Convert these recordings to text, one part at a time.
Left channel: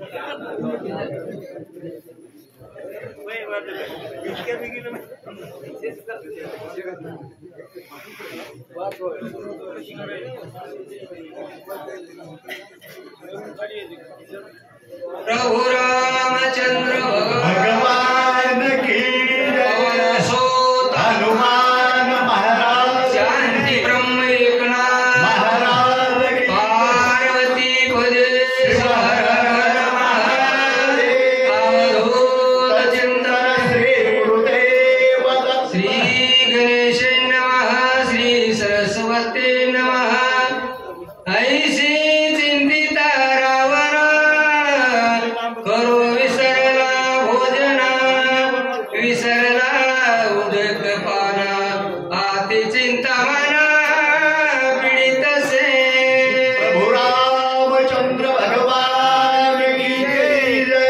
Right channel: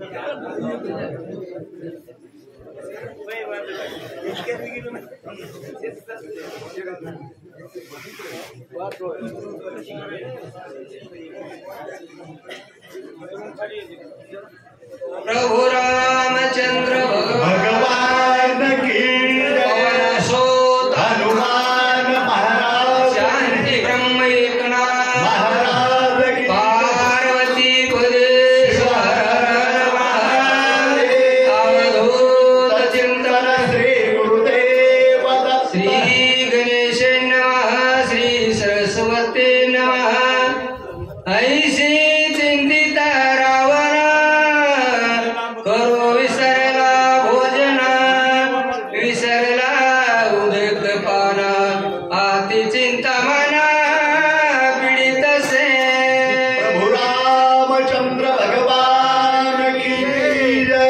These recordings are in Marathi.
प्रभु रामचंद्र भगवान की जय। सोत हनुमान महाराज शांति ब्रह्म एकनाथ महाराज की पार्वती पदेश्वर महादेव अवधूत चिंतन श्री गुरुदेव श्री गणेश नमः श्री सरस्वती नमः। ऐसे चिंतिता रावणा करो विसरला भोजना विसरला उदक पाना आती चिंता मना पीडित से। प्रभु रामचंद्र भगवान की जय।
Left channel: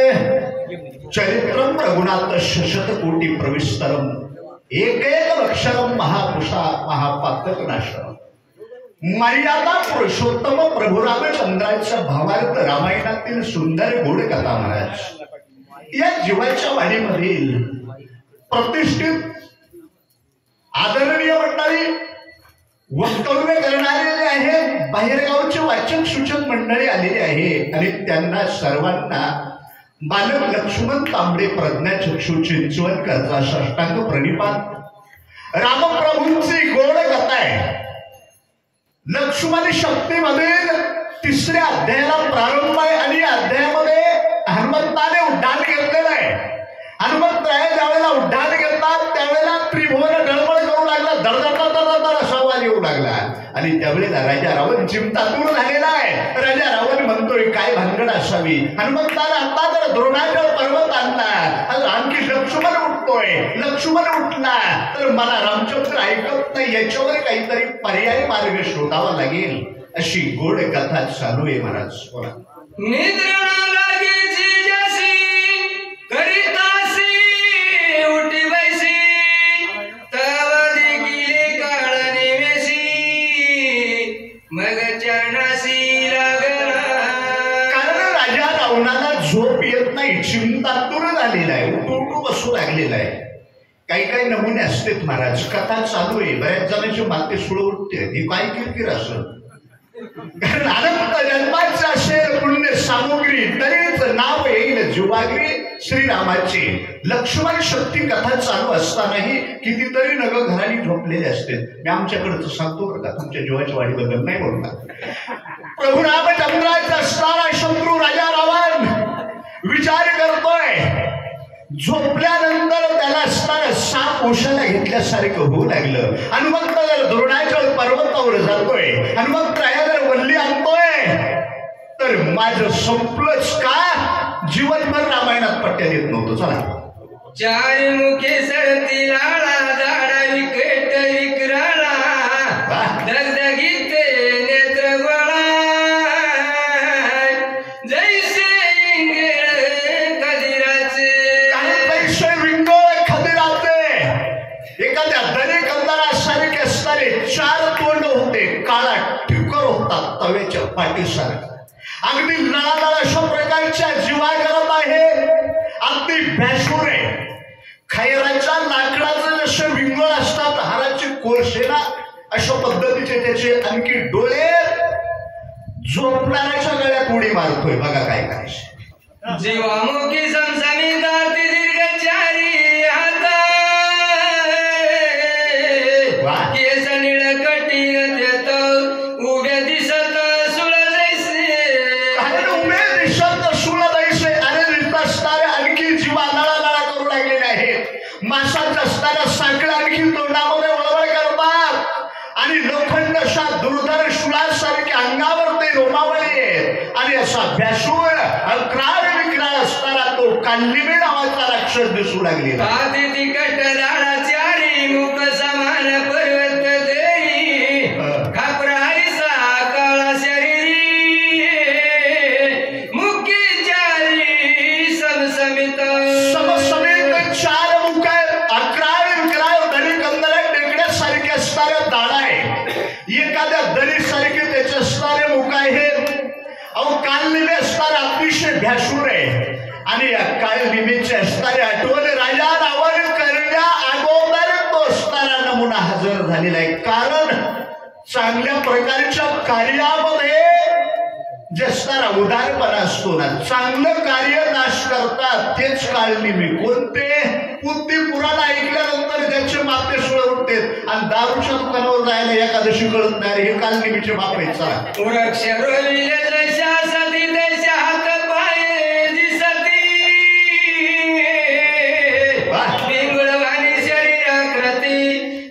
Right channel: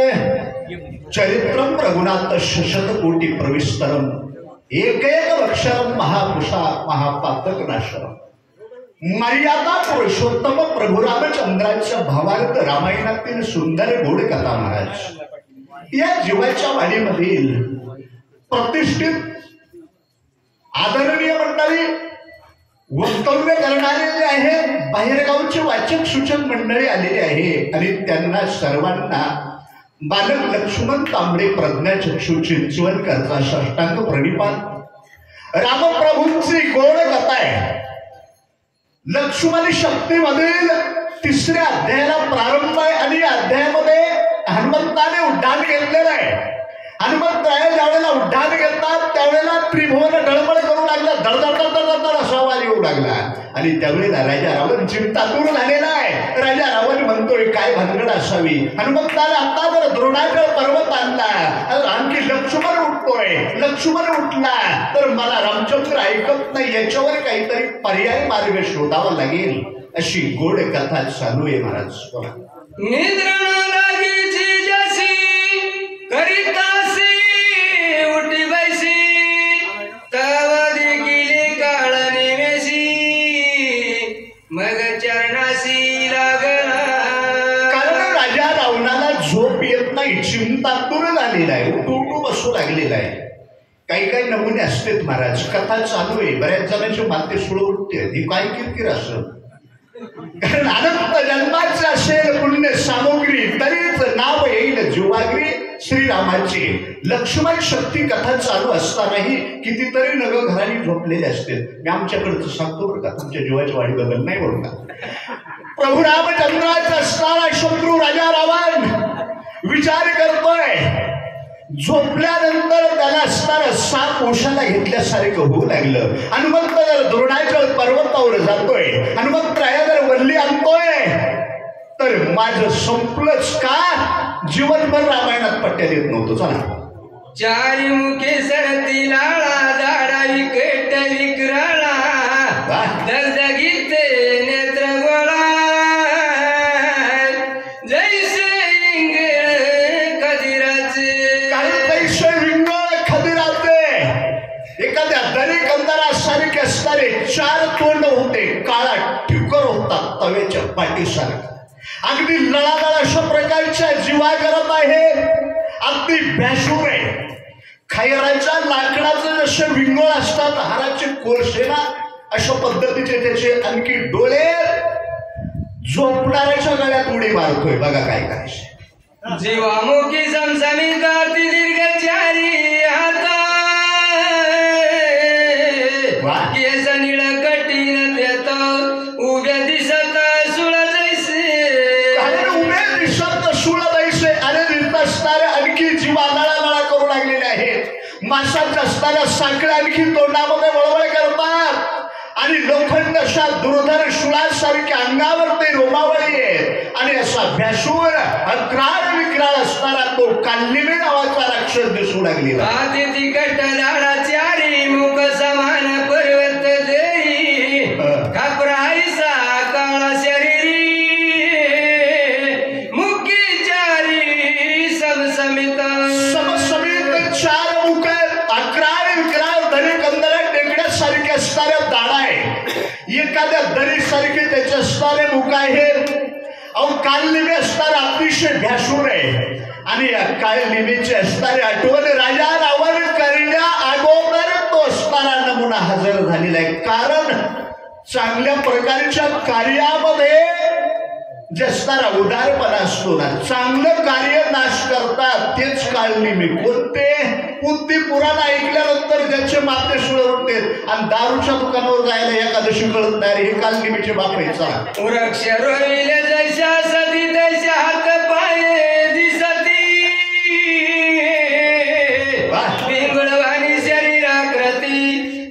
चरित्रम रघुनाथ शतकोटि प्रविस्तरम एकैक अक्षरम महापुरुषा महापातक नाशनम। मर्यादा पुरुषोत्तम प्रभु रामचंद्राच्या भावार्थ रामायणातील सुंदर गोड कथा महाराज या जीवाच्या वाडीमधील प्रतिष्ठित आदरणीय मंडळी वक्तव्य करणारे जे आहे बाहेरगावचे वाचक सूचक मंडळी आलेली आहे आणि त्यांना सर्वांना बालक लक्ष्मण तांबडे प्रज्ञाचक्षु चिंचवणकरचा साष्टांग प्रणिपात। रामप्रभूंची गोड कथा आहे। लक्ष्मण शक्तीमधील 3ऱ्या अध्यायाला प्रारंभ आहे आणि या अध्यायामध्ये हनुमंताने उड्डाण घेतलेलं आहे। हनुमंतराय ज्यावेळेला उड्डाण घेतात त्यावेळेला त्रिभुवन गडबड करू लागला, धडधड असा आवाज येऊ लागला आणि त्यावेळेला राजा रावण चिंतातूर झालेला आहे। राजा रावण म्हणतोय काय भानगड असावी। हनुमंताने आता तर द्रोणाचल पर्वत आणला, आणखी लक्ष्मण उठतोय, लक्ष्मण उठला तर मला रामचंद्र ऐकत नाही, याच्यावर काहीतरी पर्याय मार्ग शोधावा लागेल अशी गोड कथा चालू आहे महाराज। बोला। निद्रा लागीची जशी करितासी उठी बैसी तव देखील काळ निवेशी मग चरणासी लागला। कारण राजा रावणाला झोप येत नाही, चिंतातूर झालेला आहे, उठू बसू लागलेला आहे। काही काही नमुने असतात महाराज, कथा चालू आहे, बऱ्याच जणांची माते सुळ उठते, ही काय किरकिर असत। कारण अनंत जन्माचे असेल पुण्य सामग्री तरीच नाव येईल जीवाग्री श्रीरामाचे। लक्ष्मण शक्ती कथा चालू असतानाही कितीतरी नग घराणी झोपलेले असते। मी आमच्याकडचं सांगतो बरं का, तुमच्या जीवाच्या वाढीबद्दल नाही बोलणार। प्रभू रामचंद्राचा असणारा शत्रू राजा रावण विचार करतोय, झोपल्यानंतर त्याला असणारा साप ओशाला घेतल्यासारखं होऊ लागलं। हनुमंत जर द्रोणाचल पर्वतावर जातोय, हनुमंतराया जर वल्ली आणतोय तर माझं संपलंच का? जीवनभर रामायणात पट्ट्या देत नव्हतं। चला। चारी मुखे सरती लाळा दाडा विकेट विकराळा दगदगीते नेत्र गोळा जैसे इंगळ खदिराचे। जैसे विंगळ खदिराचे एखाद्या दरी कंदारासारखे असणारे 4 तोंड होते, काळा ठिकर होता तव्याच्या पाठीसारखा, अगदी लळालळ अशा प्रकारच्या जीवा करत आहे, अगदी भ्यासूर आहे। खैराच्या लाकडाचे जसे विंगळ असतात, हाराचे कोळसेना अशा पद्धतीचे त्याचे आणखी डोळे झोपणाऱ्याच्या गळ्यात उडी मारतोय। बघा काय काय जीवामुखी समसमित आरती दीर्घ चारी हाता केस निळ कठीण देत उभ्या दिसत सुळ जैसे। उभे दिसत सुळ जैसे अरे दिसत असणारे आणखी जीवा लळालळा करू लागलेले आहेत। मासांच्या असणाऱ्या साखळ्या आणखी तोंडामध्ये वळवळ करतात आणि लोखंड अशा दुर्धर शुळासारख्या अंगावर ते रोमावळी आहे आणि असा भ्यासूर अक्रार विक्राळ असणारा तो काल्लिमी नावाचा राक्षस दिसू लागलेला। आधी तिकट लाडाची आडी मुख समान पर्वत देई खापराईसा काळा शरीरी मुखी चारी समसमित 4 मुख अक्रार विक्राळ दरी कंदर टेकड्यासारखे असणाऱ्या दाढा आहे, एखाद्या दरीसारखे त्याचे असणारे मुख आहेत। अहो कालनिमी असणारे अतिशय भ्यासूर आहे आणि या कालनिमीची असणारी आठवण राजा रावण करण्या अगोदर तो असणारा नमुना हजर झालेला आहे. कारण चांगल्या प्रकारच्या कार्यामध्ये जे असणारा उदारपणा असतो ना, चांगलं कार्य नाश करतात तेच कालनिमी. कोणते? बुद्धी पुराण ऐकल्यानंतर त्यांचे माते सुळे उठते आणि दारूच्या दुकानावर जायला एकादशी कळत नाही. हे कालनिमीचे बाप आहेत. चला वृक्ष रोविले जशा सती तशा हात पाये दिसती पिंगळवाणी शरीराकृती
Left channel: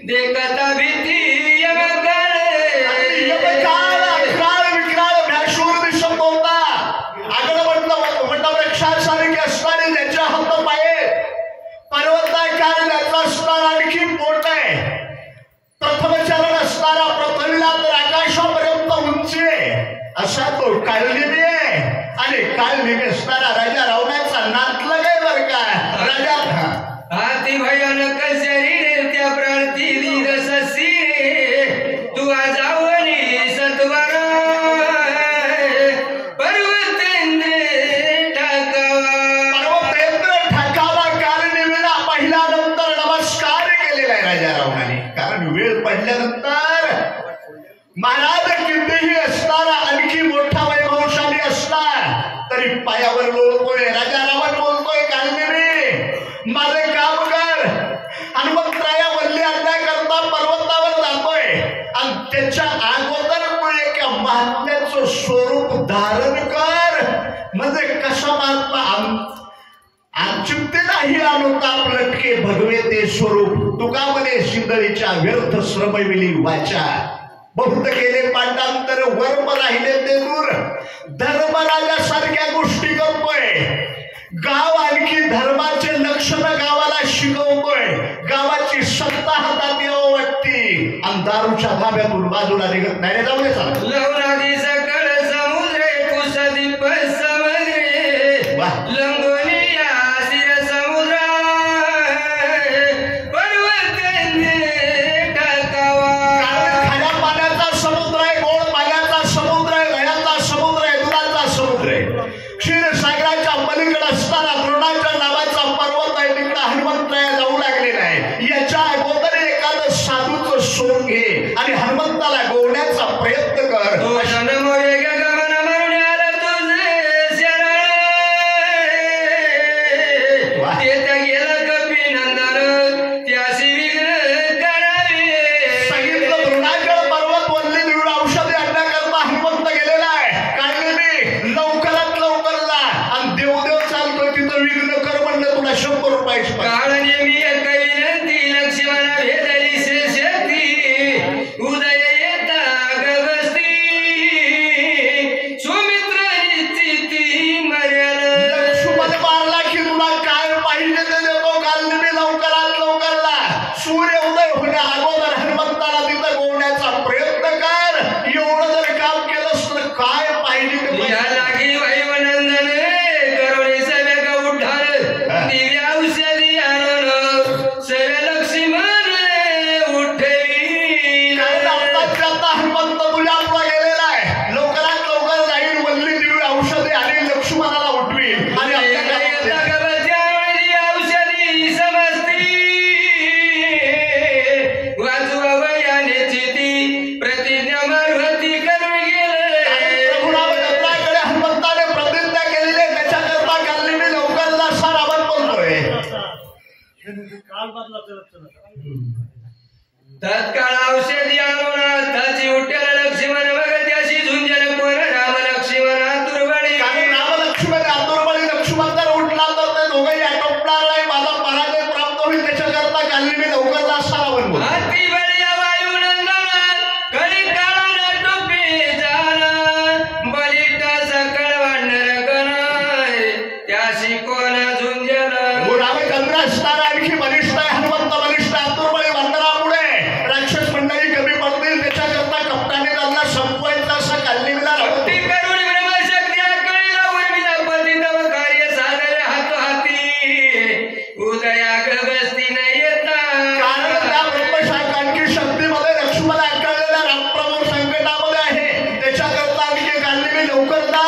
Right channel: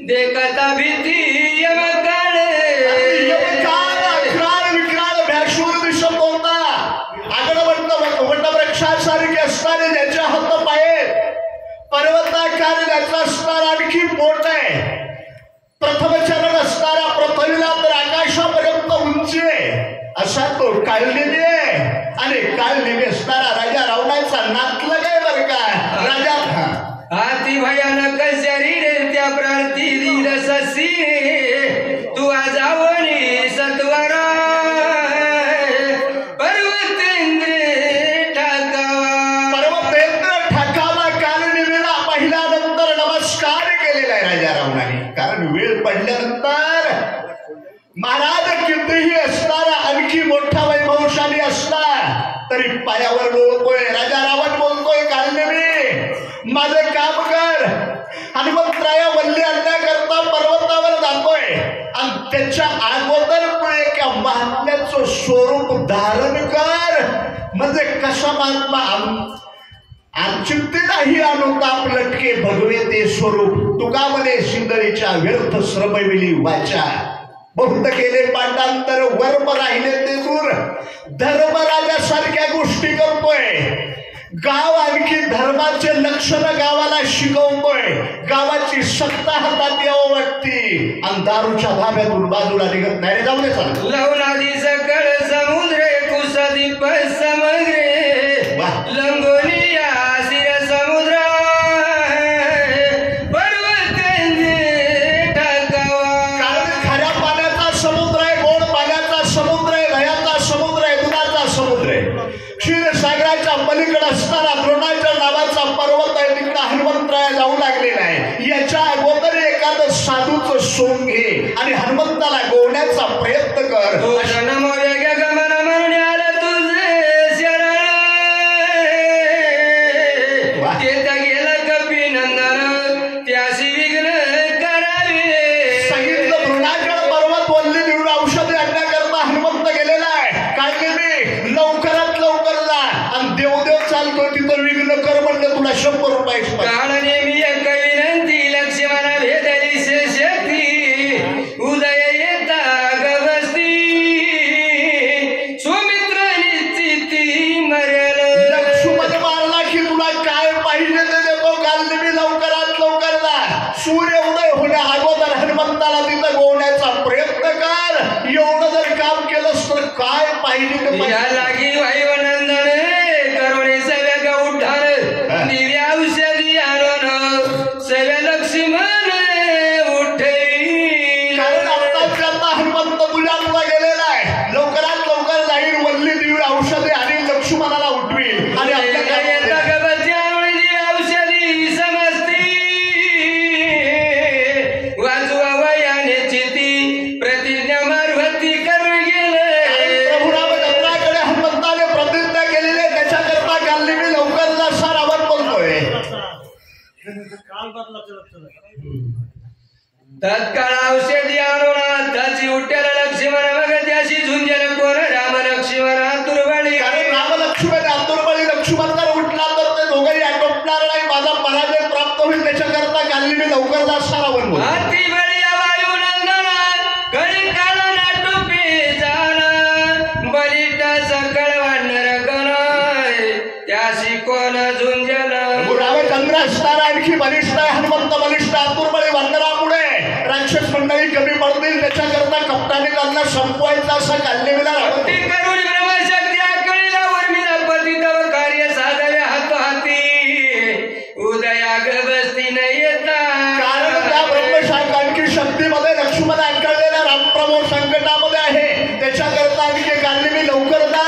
देखता भीती वृक्षासारखे असणारे ज्याच्या हात पाये पर्वताकार त्याचा असणारा आणखी मोठ आहे. प्रथम चरण असणारा पृथ्वीला तर आकाशापर्यंत उंची आहे असा तो कालनिमी आहे. आणि कालनिमी असणारा राजा रावणाचा नातलग आहे बरं का. राजा अति भयानक शरीर त्या प्रार्थी रससी तू आजावणी सत्वर राजा रावणाने. कारण वेळ पडल्यानंतर महाराज कितीही असणारा आणखी मोठा वैभवशाली असला तरी पायावर लोळतोय. राजा रावण बोलतोय कालनिमी माझे काम कर. हनुमंतराया वल्ली आणण्याकरता पर्वतावर जातोय आणि त्याच्या अगोदर तू एक महात्म्याचं स्वरूप धारण कर. म्हणजे कसा महात्मा आमचिंते नाही अनुताप लटके भगवे ते स्वरूप तुका म्हणे सिंदरीच्या व्यर्थ श्रमविली वाचा. बहुत केले पांडांतर वर्म राहिले ते दूर. धर्मराजासारख्या गोष्टी करतोय. गाव आणखी धर्माचे लक्षण गावाला शिकवतोय. गावाची सत्ता हातात यावं वाटती आणि दारूच्या धाब्यातून बाजूला निघत नाही. जाऊ दे चला. लवणादी सकळ समुद्रे कुसदीप समग्रे लंगोनी क्षीरसागराच्या पलीकडे असणारा द्रोणाच्या नावाचा पर्वत आहे. तिकडे हनुमंतराया जाऊ लागलेला आहे. याच्या अगोदर एखादं साधूचं सोंग घे आणि हनुमंताला गोवण्याचा प्रयत्न कर. सांगितलं द्रोणाचल पर्वत वल्ली देऊन औषधी आणण्याकरता हनुमंत गेलेला आहे. कालनिमी लवकरात लवकर जा आणि देवदेव चालतोय तिथं विघ्न कर म्हणलं तुला 100 रुपये. काळनेमी एक विनंती लक्ष्मणा भेदली शक्ती उदय येता गवस्ती सुमित्र निश्चिती मर्याला. लक्ष्मण मारला की तुला काय पाहिजे ते देतो. कालनिमी लवकरात लवकर जा. सूर्य उदय होण्या अगोदर हनुमंताला तिथं गोवण्याचा प्रयत्न कर. एवढं जर काम केलंस तर काय पाहिजे ते लागी वायुनंदन करुणे सव्या गौठार दिव्या औषधी आणून सव्या लक्ष्मण उठे. कारण आता हनुमंत तुझ्या पुढे गेलेला आहे. लवकरात लवकर जाईल वल्ली दिव्य औषधे आणि लक्ष्मणाला उठवी आणि औषधी समजती वाजवा वयाने चिती प्रतिज्ञा मार्फती करून गेले. प्रभुरामचंद्राकडे हनुमंताने प्रतिज्ञा केलेली त्याच्याकरता कालनिमी लवकर जा असा रावण बोलतोय. तत्काळ औषधी आणून त्याची उठ्याला लक्ष्मण मग त्याशी झुंजल कोण राम लक्ष्मण आतुरबळी. कारण राम लक्ष्मण आतुरबळी. लक्ष्मण जर उठला तर ते दोघंही आटोपणार नाही. माझा पराजय प्राप्त होईल. त्याच्याकरता कालनिमी लवकर जा असा रावण बोलतो. अति बळी वायुनंदना करी काळ नाटुपी जाना बलिता सकळ वानर गणाय त्याशी कोण झुंजल. रामचंद्र असणारा आणखी बलिष्ठ आहे. हनुमंत बलिष्ठ. आतुरबळी वंदनामुळे राक्षस मंडळी कमी पडतील. त्याच्याकरता कप्तानी त्यांना संपवायचा असा कालनिमीला भक्ती करून ब्रह्मशक्ती आकळीला उर्मिला पतितव कार्य साधले हाती उदयाग्रस्ती न येता. कारण त्या ब्रह्मशाख आणखी शक्तीमध्ये लक्ष्मण आकळलेल्या रामप्रभू संकटामध्ये आहे. त्याच्याकरता आणखी कालनिमी लवकर जा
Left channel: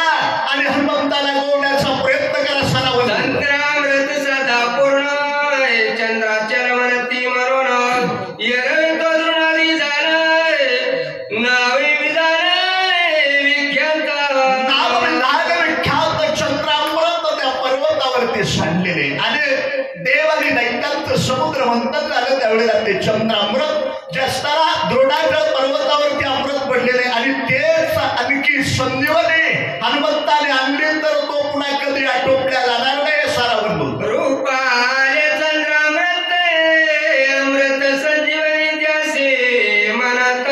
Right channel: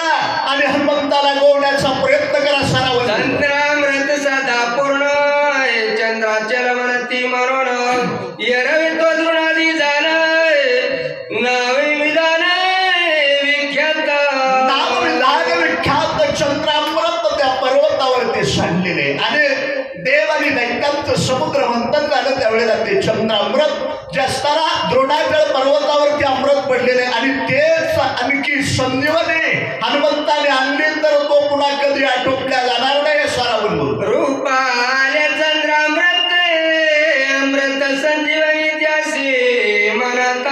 मात्र मंथन झालं त्यावेळेला ते चंद्रामृत जे असताना द्रोणाचल पर्वतावरती अमृत पडलेले आणि तेच आणखी संजीवनी हनुमंताने आणली तर तो पुन्हा कधी आटोपल्या जाणार नाही असा रावण बोलतो. रूपाले चंद्रामृत अमृत संजीवनी त्यासे म्हणत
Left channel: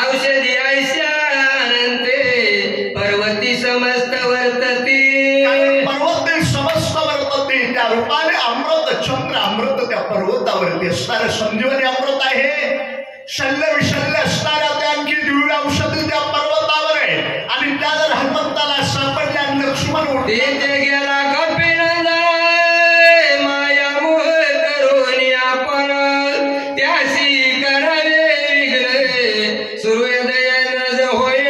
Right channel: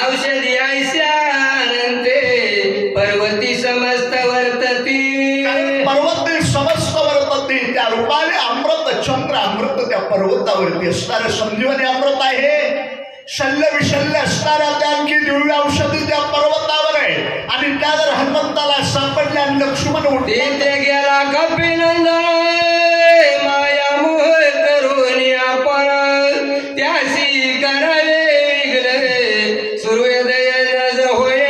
औषधी ऐशानंते पर्वती समस्त वर्तती. पर्वती समस्त वर्तती त्या रूपाने अमृत चंद्र अमृत त्या पर्वतावरती असणारं संजीवनी अमृत आहे. शल्य विशल्य असणाऱ्या त्या आणखी दिव्य औषधी त्या पर्वतावर आहे आणि त्या जर हनुमंताला सापडल्या आणि लक्ष्मण उठले तिथे गेला कपिनंदन माया मोह करून आपण त्यासी करावे विघ्न सूर्योदय न होये.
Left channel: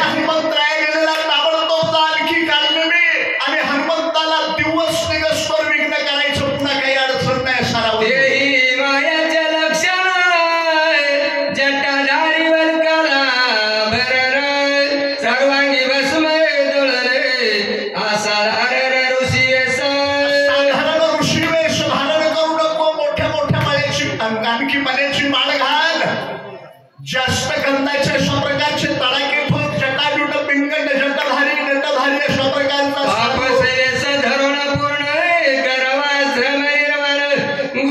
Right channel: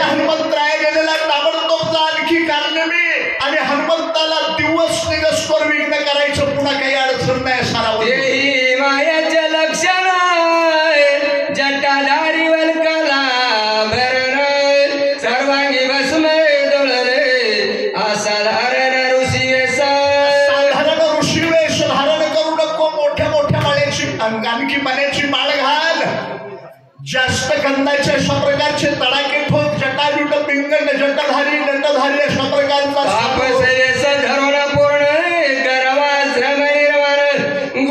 हनुमंतराय गेलेला ताबडतोब आणखी काढले मी आणि हनुमंताला दिवस निगस्वर विघ्न करायचं पुन्हा काही अडचण नाही असा तेही मायाचे लक्षण जटाधारी वल्काला भरण सर्वांगी भस्म दळणे असाधारण ऋषी साधारण ऋषी वेश धारण करू नको. मोठ्या मोठ्या माळ्याची आणखी पाण्याची माळ घाल. जास्त गंधाचे अशा प्रकारचे तडाखे ठोक जटाजूट पिंगंड जटाधारी नटधारी अशा प्रकारचा पापसेस धरून पूर्ण करवा श्रम निर्माण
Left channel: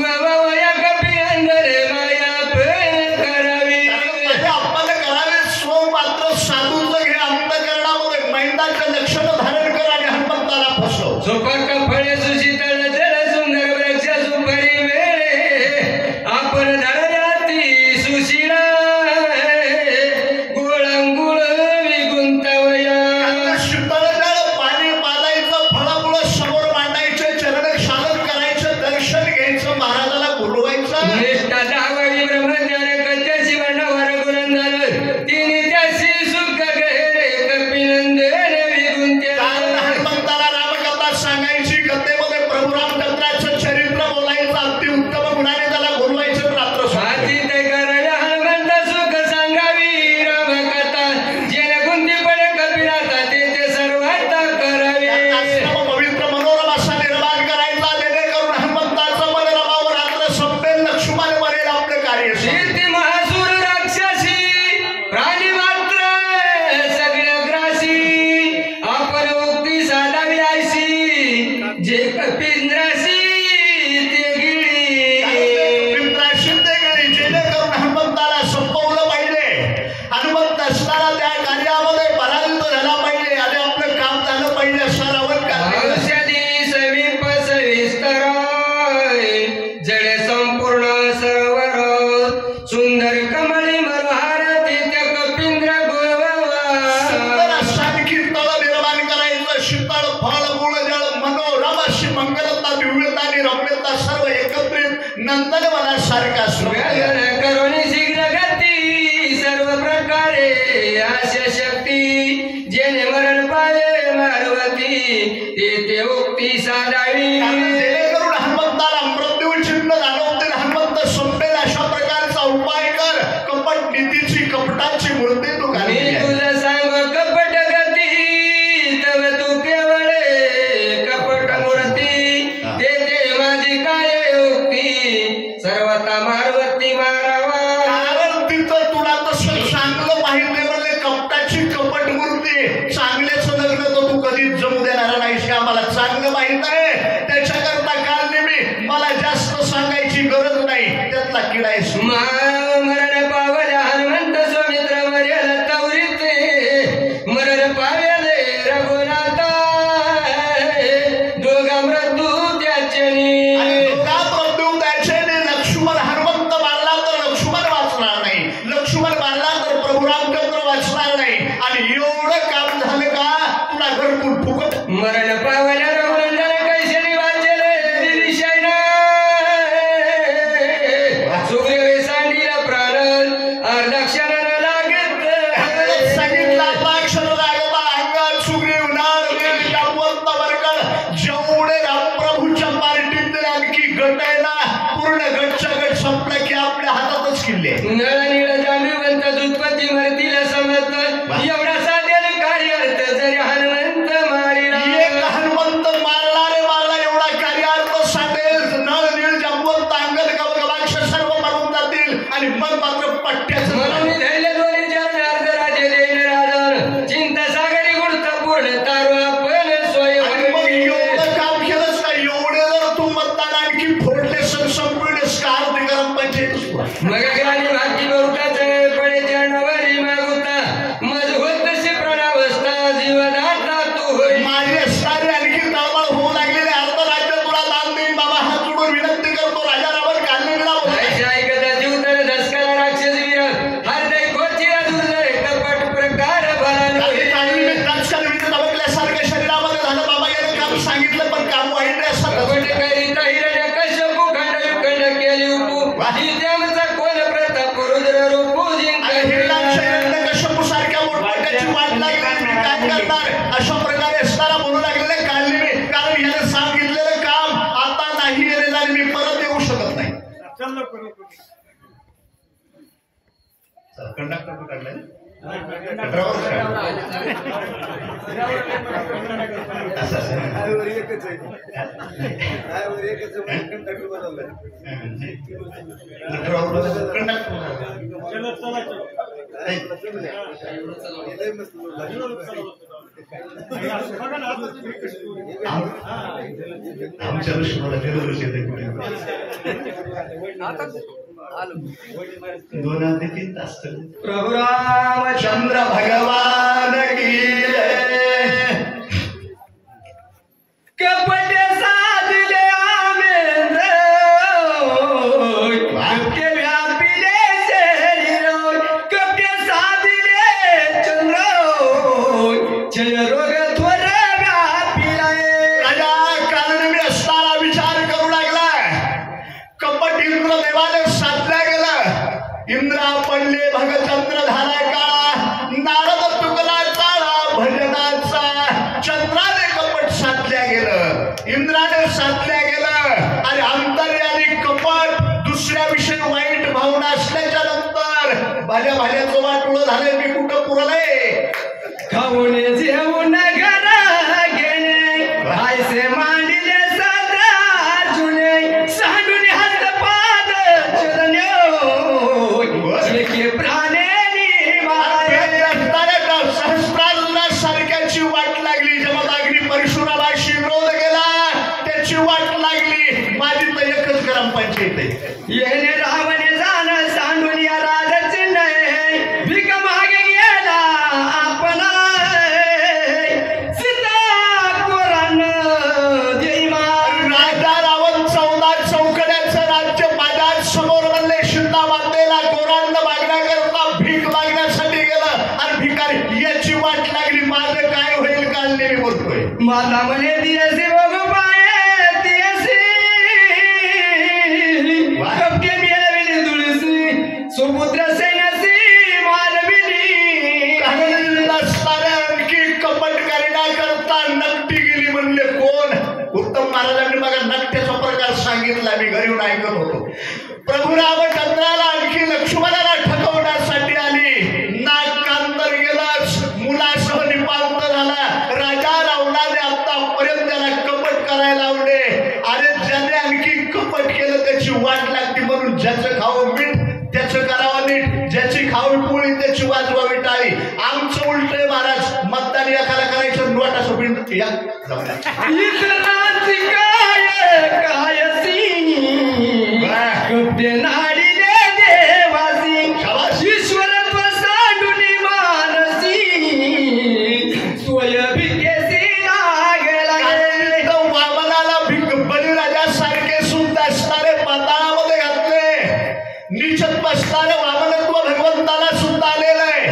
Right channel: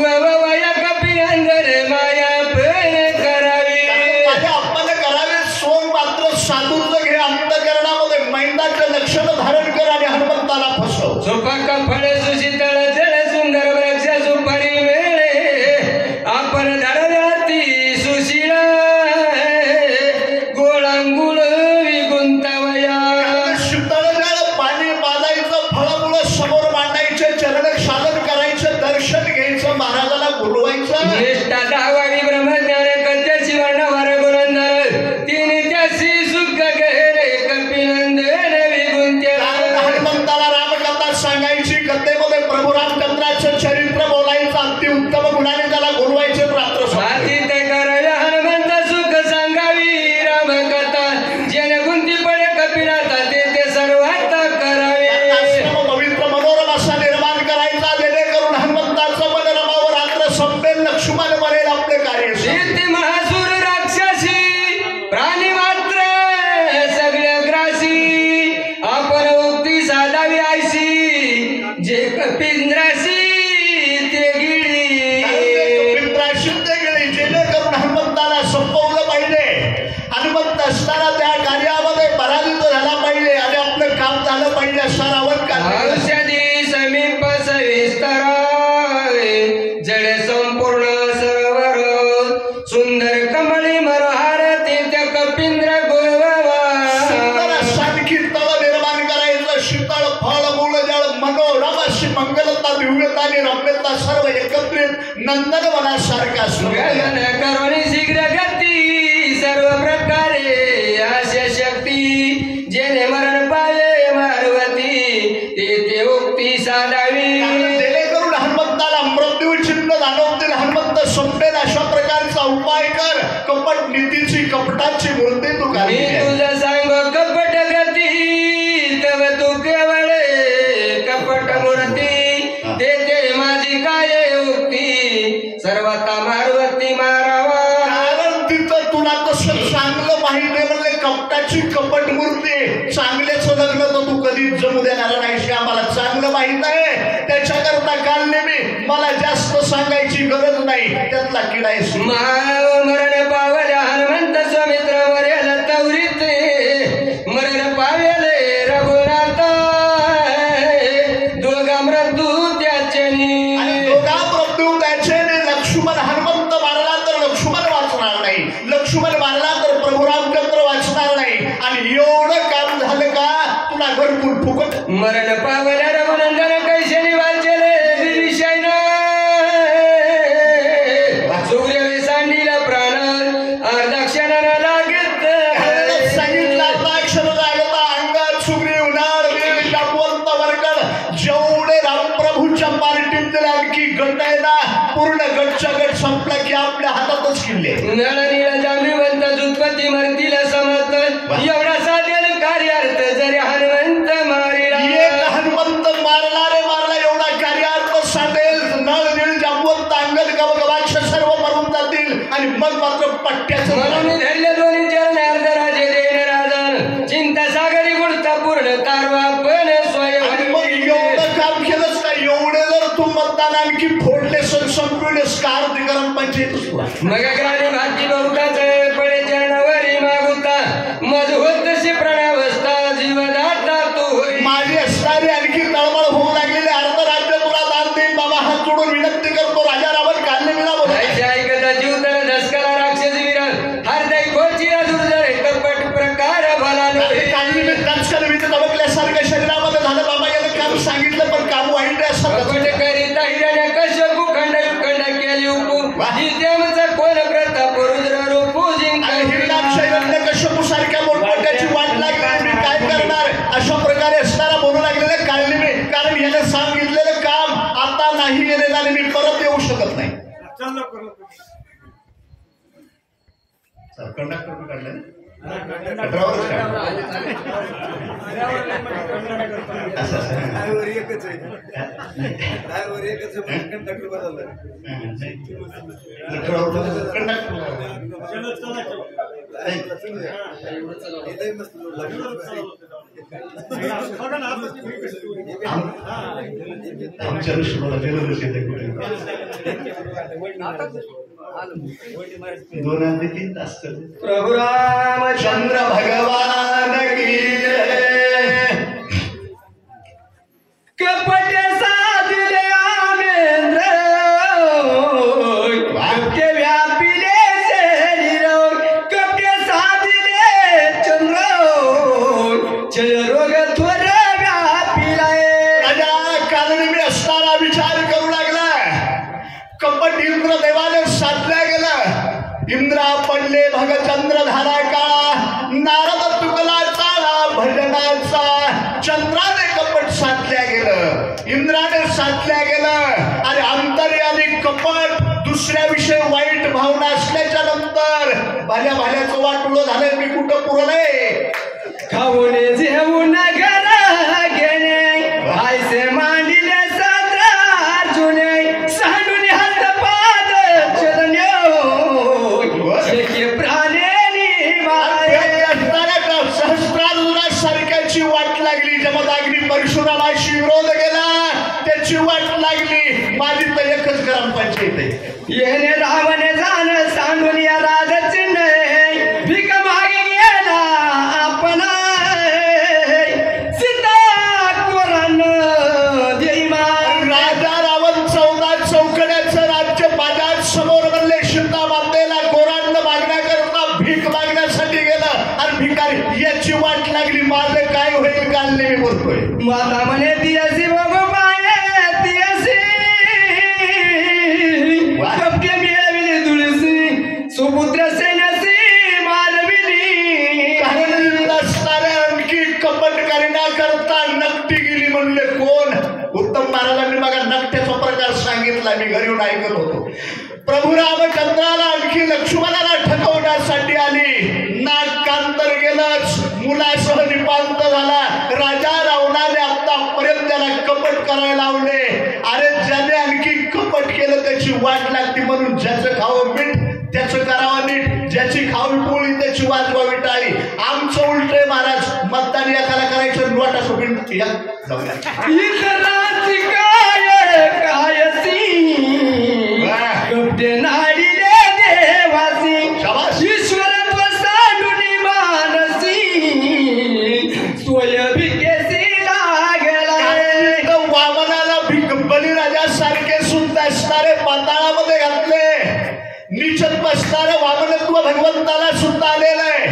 गवया कपी अंदर माया प्रेम करावी. आपल्याला करावे स्व मात्र साधूचं घे अंतकरणामध्ये मैंदाचं लक्षण धारण कर आणि हनुमंताला फसव. सुपक फळे सुशीतळ जल सुंदर वृक्ष सुपारी मेळे आपण धरल्याती सुशील गोळांगुळ विगुंतवया. शीतळ जळ पाणी पाजायचं फळमुळं समोर मांडायचे चरण साधन करायचं दर्शन घ्यायचं महाराजाला बोलवायचं. निष्ठा दावावी ब्रह्मज्ञान कथ्याची वर्णवर गुणंदर तिने त्याशी सुख गहे कपिनंदन विगुंत्या. कारण हनुमंताला रामकथा सांगायची कथेमध्ये प्रभू रामचंद्राचं चरित्र बोलायचं अति उत्तम गुणाने त्याला बोलवायचं रात्र हाती ते कराया हनुमंत सुख सांगावी रामकथा जेणे गुंती पडे कपिनाथा ते सर्वात करावी. आश्रम पवित्र मनोरम असा निर्माण करायचा जेणेकरून हनुमंताचं मन रमावर रात्र संपेल लक्ष्मण बनेल आपलं कार्य. कीर्ती महासूर राक्षसी प्राणी मात्र सगळ्या ग्रासी आपण उक्ती साधावी आयसी जे कपिंद्रासी ते गिळी. जेणेकरून हनुमंताला संपवलं पाहिजे. हनुमंत असताना त्या कार्यामध्ये पराजित झाला पाहिजे आणि आपलं काम झालं पाहिजे असा रावण कार्य. औषधी समीप सविस्तराय जडे संपूर्ण सरोवर सुंदर कमळी मनोहार ते त्या कपिंद्र गोव्यावा. आणखी तळ निर्माण करायचं शीतळ फळ मूळ जळ मनोरम अशी मंगलता दिव्यता आणि रम्यता सर्व एकत्रित नंदनवनासारखा गगन करुणी शीघ्र गती सर्व प्रकारे असे शक्ती जेणे मरण पावे मारवती ते उक्ती साधावी. जेणेकरून हनुमंताला मृत्यू चिन्ह जाणवतील हनुमंत संपेल अशा प्रकारचा उपाय कर. कपट नीतीची कपटाची मूर्ती तू मी घालली आहे. तुला सांग कपट गती तव तू केवळ कपट मूर्ती ते माझी काय उक्ती सर्वता मारवती मारावा. कारण तिथं तुला तसं चांगलं माहिती म्हणले कपटाची कपट मूर्ती चांगल्याचं लग्न तर तू कधीच जमू देणार नाहीस आम्हाला चांगलं माहित आहे. त्याच्याकरता काल नेहमी मला जास्त सांगायची गरज नाही त्यातला किडा आहे. मरण पावल्या हनुमंत स्वामित्र मरेल तवरीत मरण पावेले रघुनाथ दोघा मृत्यू त्याच्यानी. दोघा मृत्यू त्याच्याने लक्ष्मण हनुमंत मारला तर लक्ष्मण वाचणार नाही. लक्ष्मण मारला तर प्रभू रामचंद्र वाचणार नाही. आणि एवढं काम झालं का तुला घरकुल फुकट. मरण पावल्या रघुनंदन कैशनी वाचले विषय सूर्य सांडीला प्राण अर्धक्षण लागत सांगितलं आता अक्षर लागता अंगात सुग्रीव नार जागवंत वर्गण जेवढे रामप्रभूच्या पार्टीत आणखी गट आहे ना पूर्ण गटच्या गट संपला की आपल्या हातातच किल्ले. नळनीला जांबीवंत दुत्पत्ती मरतीला समर्थ एवढा साधेल कार्यार्थ जरी हनुमंत मारिला. एक हनुमंत मारला एवढा कार्यार्थ साधेल नळ नीळ जागवंत मग मात्र पट्ट्याचं म्हणून मी धरले दोन्ही चरण अर्ध राज्य देईन राजा चिंता सागरी गुणता पूर्ण तारो आपण आणि मग एवढं काम केलंच का एवढे जर तू मतदान आणखी फोडले संपविलेस का ते गरम पंचायत मग ग्रामी भाती बहुताचा पडे जनावरी मागुता मजबूत तशी प्रणावस्था जीवनाचा तू होय माझी असणारी आणखी तळमळ होऊ लागलेले अर्ध राज्य तुला दान देईन बाबा हात जोडून विनंती करतो राजा रावण काढलेला ऐकता जीवताना दसकाला राक्षस विरल हरदय खोची दुर्जय कपट प्रकार भला काही मी तत्काल विद्युत अवकल्यासारखं शरीरामध्ये झालं बाबा यानं काम सांगितलं पण काम वाईट आहे असं कपट करिता हिरण्य कश्यपू खंड विखंड केली उपू नित्यामचा कोण प्रताप रुद्र रूपू कश्यपू सारख्या मोठमोठ्याची वाट लागली मी काय करणार अशा प्रकारे असताना बोलू लागलेले काढले मी कारण याने सांगितलेलं काम आता नाही गेलेलं आणि मी परत येऊ शकत नाही कंडक्टर काढलं आमच्या ऋषीला गेलोच येते कुठे 2 ते 3 तास प्रभु रामचंद्र भगवान की कपट साधले आमेंद्र कपटे व्यापिले शरीर कपटे साधले चंद्र जय रोग थोर व्यापिलाय राजा कालनी मी असताना विचार करू लागला कपट इंद्र देवाने साधल्या गेलं इंद्रा पडले भगचंद्र धारा का नारद तुकलाचा भजनाचा चंद्राने कपट साधल्या गेलं इंद्राने साधल्या गेलं आणि अंतर्यामी कपट दुसऱ्या विषयी वाईट भावना असल्याच्या नंतर भाल्या भाल्याचं वाटोळं झालंय मी कुठं पुरलंय खाऊन जेवून घर घेणे आयसे मांडिले सदा अर्जुने सांडून हात पाद चरण्यो प्राणे सहस्त्राला सारख्याची वाट लागली जेव्हा अग्नी परशुरामाशी विरोध गेला त्याची वाट लागली माझी तर एकच ग्रामपंचायत आहे येणे रावणे जाण सांडून या राजाचे नाही भीक मागे गेला आपण सीता कोरान राजा रावण 14 चौकड्याचं राज्य बाजार समोर म्हणले सीता मातेला कोरांना मागण्याकरता भीक मागण्यासाठी गेलं आणि भिकारी याची वाट लागली माझं काय होईल कालने मी बोलतोय माता म्हणे दियसी बघू पाये दियसी कपके मिळविले तुळसी सुपुत्र सैन्यासी मालविली असणाऱ्या आणखी कपट करण्याकरता नकटी गेली म्हणले कोण उत्तम महाराजांनी बघा नकट्याचा प्रकार सांगितला मी घरी येऊन ऐकत होतो प्रभू रामचंद्राला आणखी लक्ष्मणाला ठकवण्यासाठी आली नाक कांतर गेलंच मुलासह निपांत झाला राजा रावणाने आतापर्यंत त्याला कपट करायला लावले अरे ज्याने आणखी कपट केलं त्याची वाट लागते म्हणून ज्याचं खावं मीठ त्याचं करावं नीट ज्याची खावी पोळी त्याची वाजवावी टाळी आमचं उलटय महाराज मतदान एकाला करायचं नोटा सोबीन या इतरांची काय कायसी कपटे नाडीले देवासी ईश्वर सांडुनी मानसी सोय भिकेसी लागला वामनाला बलिराजासारखे सुद्धा असणारे पाताळामध्ये घातले निचत बसणारे वामनत्व भगवंताला सुद्धा आलेलं आहे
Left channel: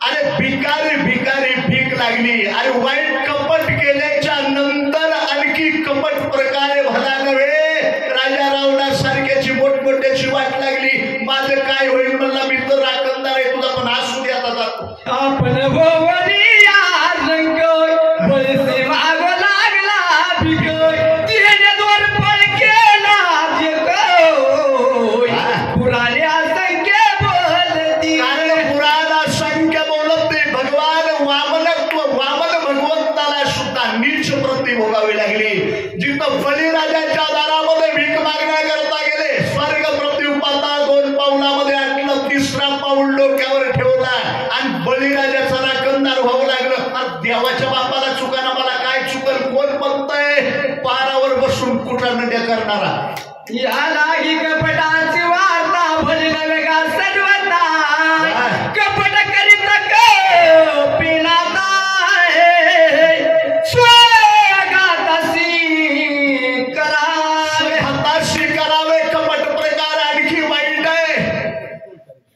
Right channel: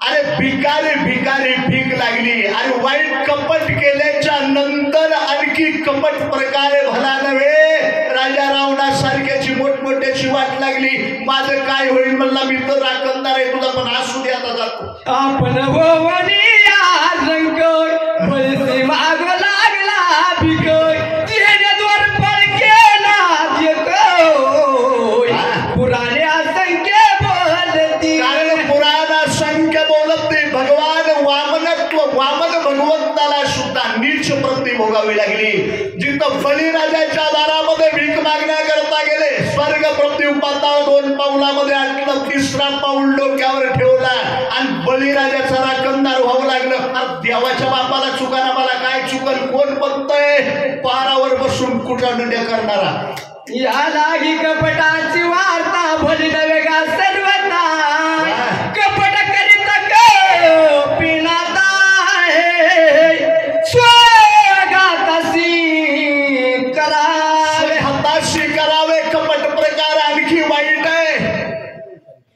अरे भिकारी भिकारी भीक लागली आणि वाईट कपट केल्याच्या नंतर आणखी कपट प्रकारे भला नव्हे राजा रावणासारख्याची मोठमोठ्याची वाट लागली माझं काय होईल म्हणला मी तर राखणदार आहे तुझा पण असू दे आता जातो आपण भवनी रंग पैसे माग लागला भिक तिने दोन पळ केला देतो पुराणे असंख्य बोलती कारण पुराण असंख्य बोलत नाही भगवान वामन भगवंताला सुद्धा नीच प्रती भोगावी लागली. जिथं बळीराजाच्या दारामध्ये भीक मागण्याकरता गेले, स्वर्ग पृथ्वी पाताळ 2 पाऊलामध्ये आणलं, 3रा पाऊल डोक्यावर ठेवला आणि बळीराजाचा राखणदार व्हावं लागलं. देवाच्या बापाला चुकाना मला काय चुकल, कोण बघतय पारावर बसून कुटानड्या करणारा. या लागी कपटाची वार्ता भली नव्या सर्वता, कपट करीत पिनाता स्वगाताशी करावे, हाताशी करावे कपट प्रकार आणखी वाईट आहे.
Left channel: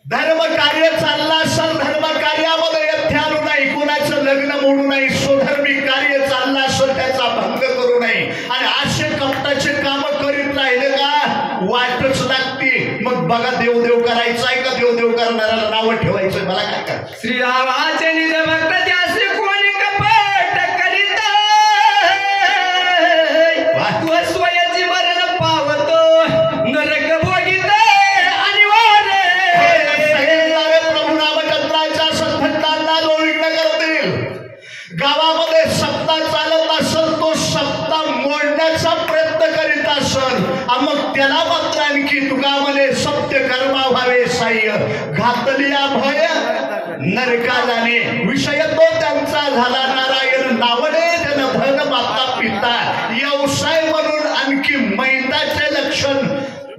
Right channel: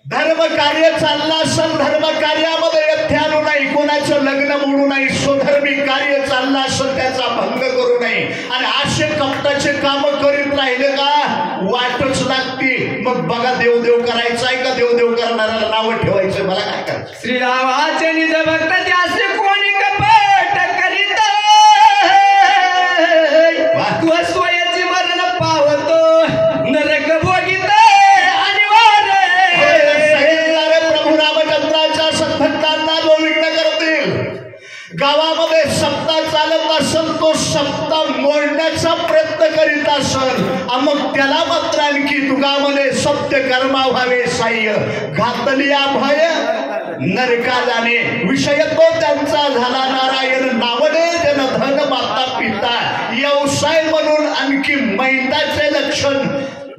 धर्म कार्य चाललं असेल, धर्म कार्यामध्ये यथ्यानु नाही, कोणाचं लग्न मोडू नाही, स्वधर्मी कार्य चाललं असेल त्याचा भंग करू नये. आणि असे कपटाचे काम करीत राहिले का वाटच लागते. मग बघा देवदेव करायचंय का देवदेव करणाऱ्याला नावं ठेवायचंय, मला काय करायचं. श्रीरामाचे निज भक्त त्यासे कोणी कपट करीत, तू स्वयाची मरण पावतो नरक भोगित अनिवार्य. प्रभू रामचंद्राच्या सत्भक्तांना जो विघ्न करतील, गावामध्ये सप्ताह चालत असेल तो सप्ताह मोडण्याचा प्रयत्न करीत असेल, मग त्याला मात्र आणखी तुका म्हणे सत्य कर्मा व्हावे साह्य, घातली भय नरका जाणे. विषय तो त्यांचा झाला नारायण नावने जन धन माता पिता, व्यवसाय म्हणून आणखी मैदाचे लक्षण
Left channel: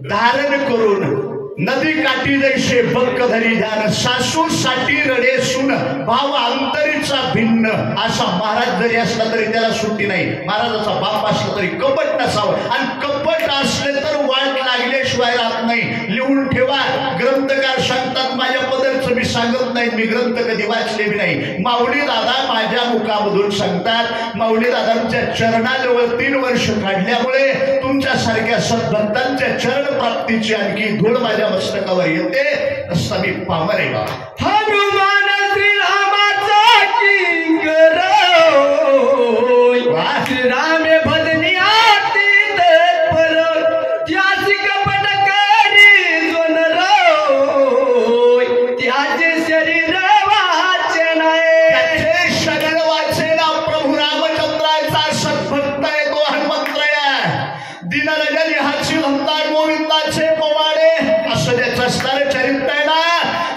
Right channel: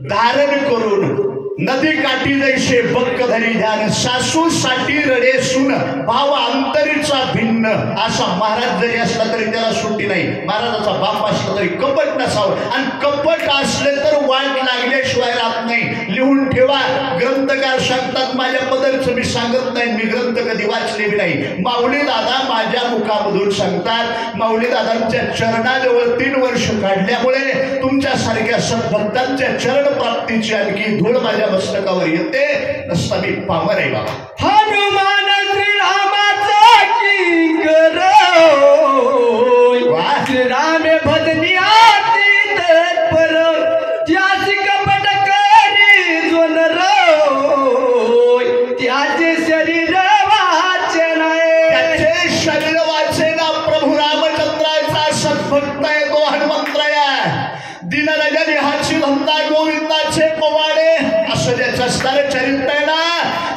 धारण करून नदी काठी जैसे बक्क धरी ध्यान, सासू साठी रडे सुन भाव अंतरीचा भिन्न. असा महाराज जरी असला तरी त्याला सुट्टी नाही. महाराजाचा बाप असला तरी कपट नसावं, आणि कपट असले तर वाट लागल्याशिवाय राहत नाही. लिहून ठेवा. ग्रंथकार सांगतात, माझ्या पदरचं मी सांगत नाही, मी ग्रंथ कधी वाचले बी नाही. माऊली दादा माझ्या मुखामधून सांगतात, माऊली दादांच्या चरणाजवळ 3 वर्ष काढल्यामुळे तुमच्यासारख्या सद्भक्तांच्या चरण प्राप्तीची आणखी धूळ माझ्या मस्तकावर येते. नसता मी पामर आहे बाबा. हनुमान श्रीरामाचा किंकर, श्रीरामे भजनी आती तत्पर, त्याची कपट करी जोन रोय, त्याचे शरीर वाचे नाही, त्याचे शरीर वाचे ना. प्रभू रामचंद्राचा सद्भक्त आहे तो हनुमंतराय. दिनरजनी हाची धंदा गोविंदाचे पवाडे, असं त्याचं असणारं चरित्र आहे ना.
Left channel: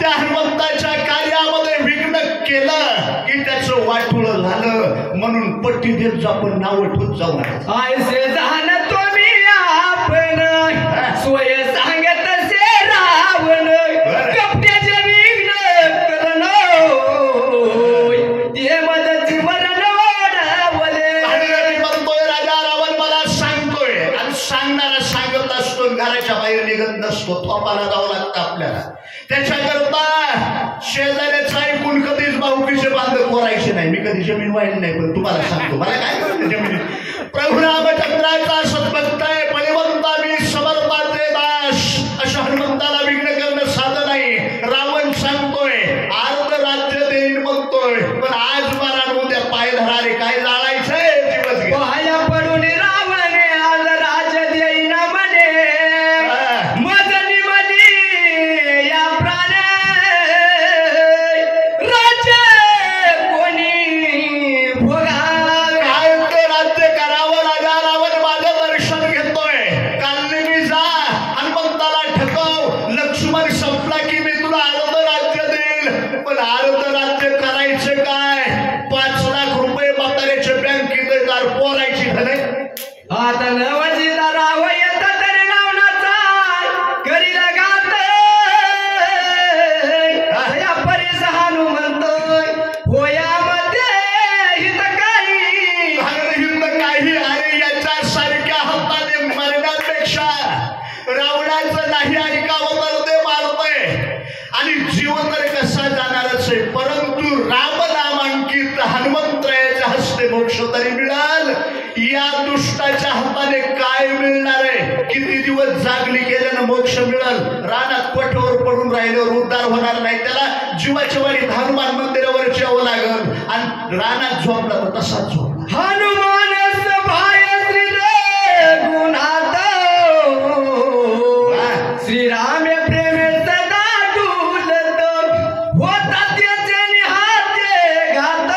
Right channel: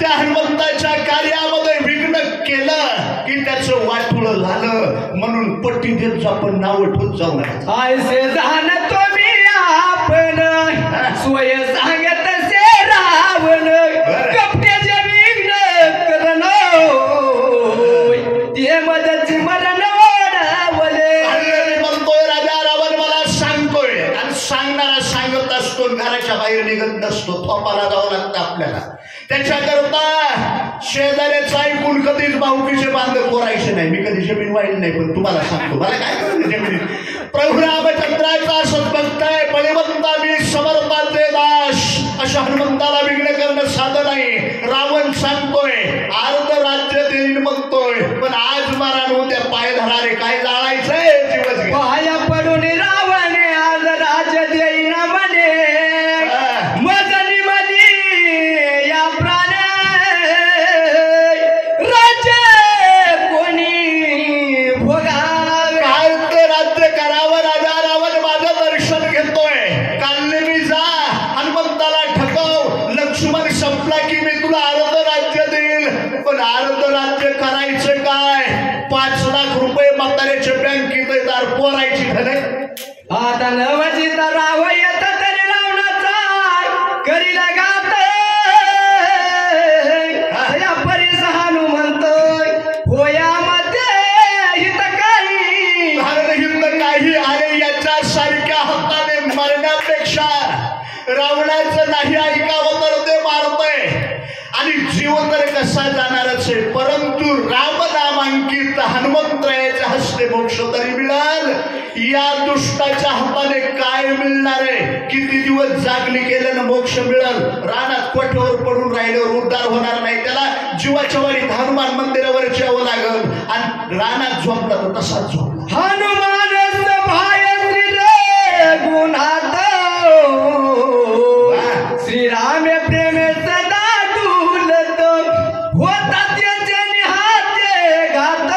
त्या हनुमंताच्या कार्यामध्ये विघ्न केलं की त्याचं वाटुळ झालं. म्हणून पट्टी देत आपण नाव ठेवत जाऊ नका. ऐसे जाण तुम्ही आपण स्वय सांगत से रावण, कपट्याचे विघ्न करण ते मदची मरण ओढवले. म्हणतोय राजा रावण मला सांगतोय, आणि सांगणारा सांगत असतो, घराच्या बाहेर निघत नसतो. थोपाला जावं लागतं आपल्याला. त्याच्याकरता शेजाऱ्याचं ऐकून कधीच भाऊकीचे बांध कोरायचे नाही. मी कधी जमीन वाहिली नाही, पण तुम्हाला सांगतो मला काय कळलं जमीन. प्रभू रामचंद्राचा सद्भक्त आहे, बळीवंता मी समर्थाचे दास. अशा हनुमंताला विघ्न करणं साधं नाही. रावण सांगतोय अर्ध राज्य देईन म्हणतोय, पण आज मला उद्या पाय धरारे काय जाळायचंय दिवस पाया पडून रावण आज राज्य देईन म्हणे, मजली मली या प्राण राज्य कोणी भोगावे. काय ते राज्य करावं. राजा रावण माझं दर्शन घेतोय. कालनी जा हनुमंताला ठकव, लक्ष्मण संपला की मी तुला अर्ध राज्य देईल. पण अर्ध राज्य करायचं काय, 5 लाख रुपये म्हाताऱ्याच्या बँकेत येतात, पोरायची धने. आता नवजीता राव येत तरी लावण्याचा करील गात, या परीस हनुमंतोय होयामध्ये हित काही. हिंद काही अरे याच्यासारख्या हाताने मरण्यापेक्षा रावणाचं नाही ऐकावं तर ते मारतय. आणि जीव तर कसा जाणारच आहे, परंतु राम नामांकित हनुमंतरायाच्या हस्ते मोक्ष तरी मिळाल. या दुष्टाच्या हाताने काय मिळणार आहे. किती दिवस जागली केल्यानं मोक्ष मिळाल. रानात कोठवर पडून राहिल्यावर उद्धार होणार नाही. त्याला जीवाच्या वारी हनुमान मंदिरावर यावं लागल, आणि रानात झोपला तर तसाच झोपला. हनुमान सभाय श्री गुणात, श्रीरामे प्रेमे सदा डुलत, होता त्याचे निहाते घात,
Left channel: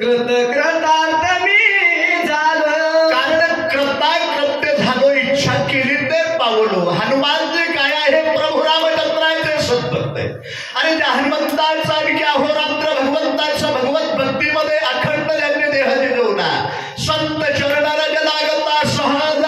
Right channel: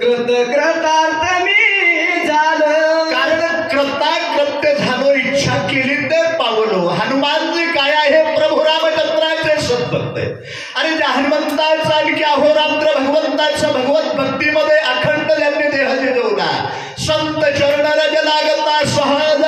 कृत कृत कृतार्थ मी झालो. कारण कृत्य झालो, इच्छा केली ते पावलो. हनुमानजी काय आहे? प्रभू रामचंद्राचे सद्भक्त आहे. आणि त्या हनुमंताचा आणखी अहोरात्र भगवंताच्या भगवत भक्तीमध्ये अखंड ज्यांनी देह जिजवला. संत चरण रज लागता सहज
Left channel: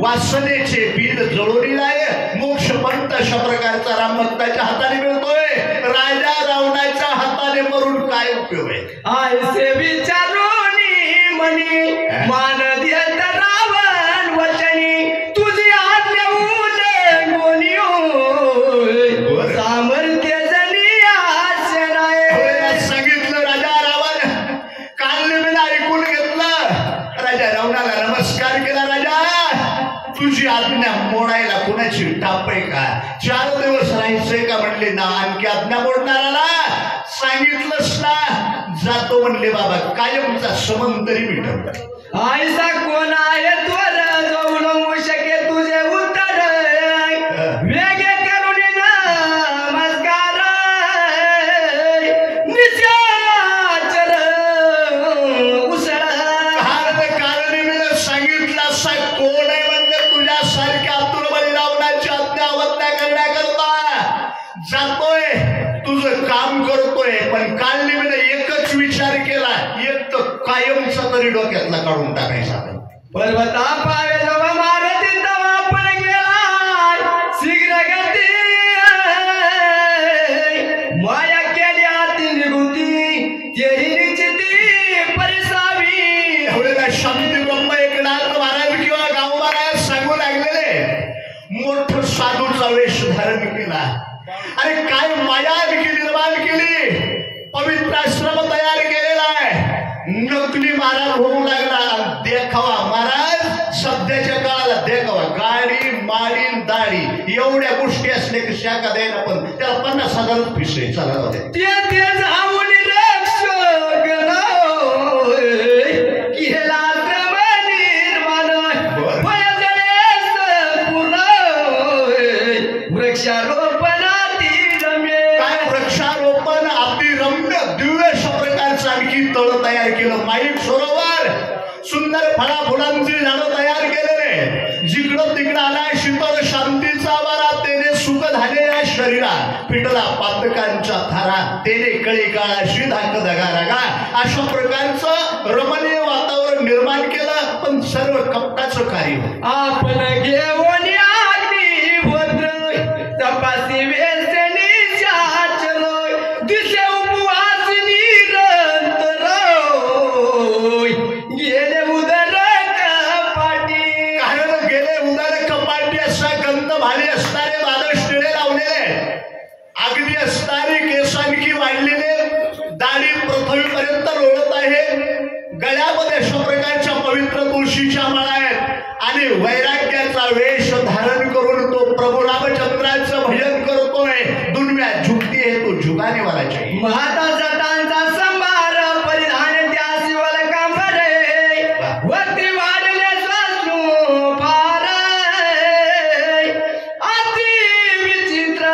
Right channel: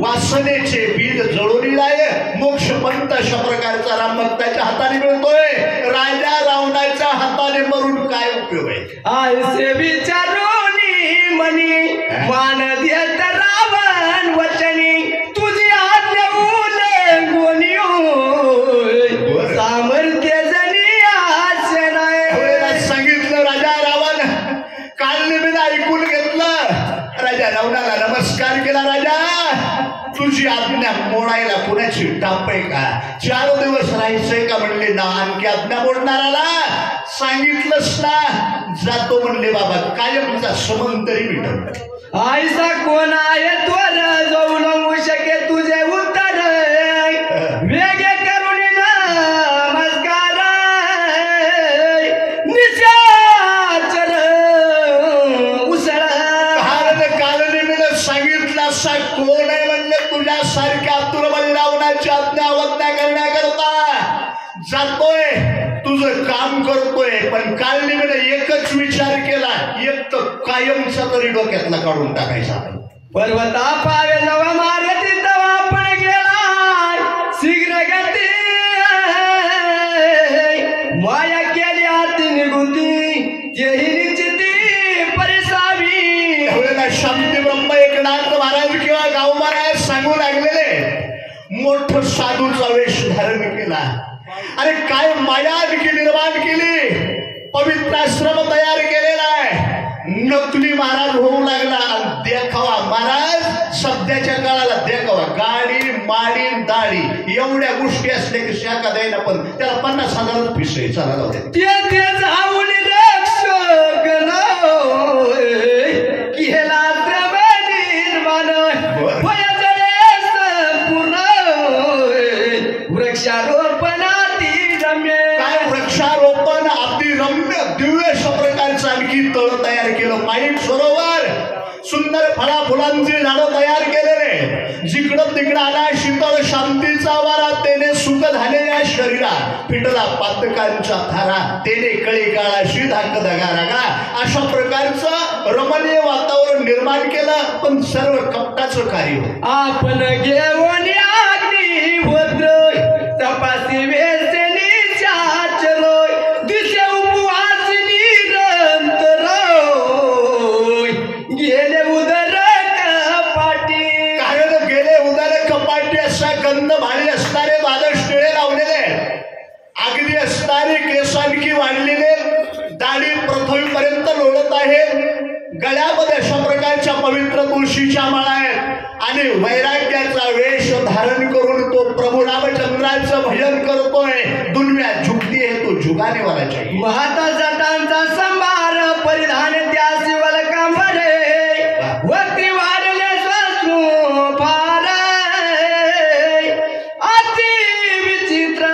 वासनेचे बीज जळून आहे. मोक्ष पंत अशा प्रकारचा राम भक्ताच्या हाताने मिळतोय. राजा रावणाच्या हाताने मरून काय उपयोग आहे? आयसे विचारोनी मनी मान देत रावण वचनी तुझी आज्ञा उल्लंघोनी होय सामर्थ्य जनी आशे नाही. सांगितलं राजा रावण काल ऐकून घेतलं. राजा रावणाला नमस्कार केला. राजा तुझी आज्ञा मोडायला कोणाची टाप आहे का? 4 दिवस राहायचंय का म्हणले ना. आणखी आज्ञा मोडणाराला सांगितलंच ना. जातो म्हणले बाबा कायमचा संबंध तरी मिटवला. आयसा कोण आहे त्वर जाऊ नको शके तुझे उत्तर वेगे करून नमस्कार निशाचर उसळ. कालनेमीनं सांगितलं असा कोण आहे म्हणलं तुझ्यासारख्या तुरबळी रावणाची आज्ञा अवज्ञा करण्याकरता जातोय. तुझं काम करतोय. पण कालनेमीनं एकच विचार केला. एक तर कायमचा तरी डोक्यातला काढून टाकायचा नाही. पर्वता पावे जवा मारती तवा आपण गेला शीघ्र गती माया केली आती निघुती तेही निश्चिती परिसावी. त्यावेळेला शांती ब्रह्म एकनाथ महाराज किंवा गाव महाराज सांगू लागलेले मोठं साधूचा वेश धारण केला. अरे काय माया निर्माण केली. पवित्र आश्रम तयार केलेला आहे. नकली महाराज होऊ लागला. देखावा महाराज सध्याच्या काळाला देखावा. गाडी माडी दाढी एवढ्या गोष्टी असल्या की शाखा द्यायला पण त्याला 50,000 फीस आहे. चला जाऊ दे. ते जाऊन रक्षक केला निर्माण पूर्ण वृक्षारोपणाती रम्य. काय वृक्षारोपण अति रम्य दिव्य अशा प्रकारचं आणखी तळ तयार केलं. माईक सरोवर सुंदर फळा फुलांची झाडं तयार केलेले. जिकडं तिकडं आला शीतळ शांतीचा वारा. तेने सुख झाले या शरीरा पिटला पातकांच्या धारा. तेने कळी काळाशी धाक दगा रागा. अशा प्रकारचं रमणीय वातावरण निर्माण केलं. पण सर्व कपटाचं कार्य आपण घेऊन अग्नी भद्र तपासी वेसनी चाचलोय दिसे उपवास निरंतर गेले उदर कपाटी. कारण गेले उदर कपाटी असा गंध भारी असणारे द्वादश टिळे लावलेले. अगदी असणारे केस आणखी वाढलेले. दाढी पृथ्वीपर्यंत लोळत आहे. गळ्यामध्ये अशा प्रकारच्या पवित्र तुळशीच्या माळा आहेत. आणि वैराग्याचा वेश धारण करून तो प्रभू रामचंद्राचं भजन करतोय. दुनिया झुकती है तो झुकाने वाला चाहिए. महाता सटांचा संभार परिधान त्या शिवल कमरे वक्ती वाढले सासू फार अति विचित्र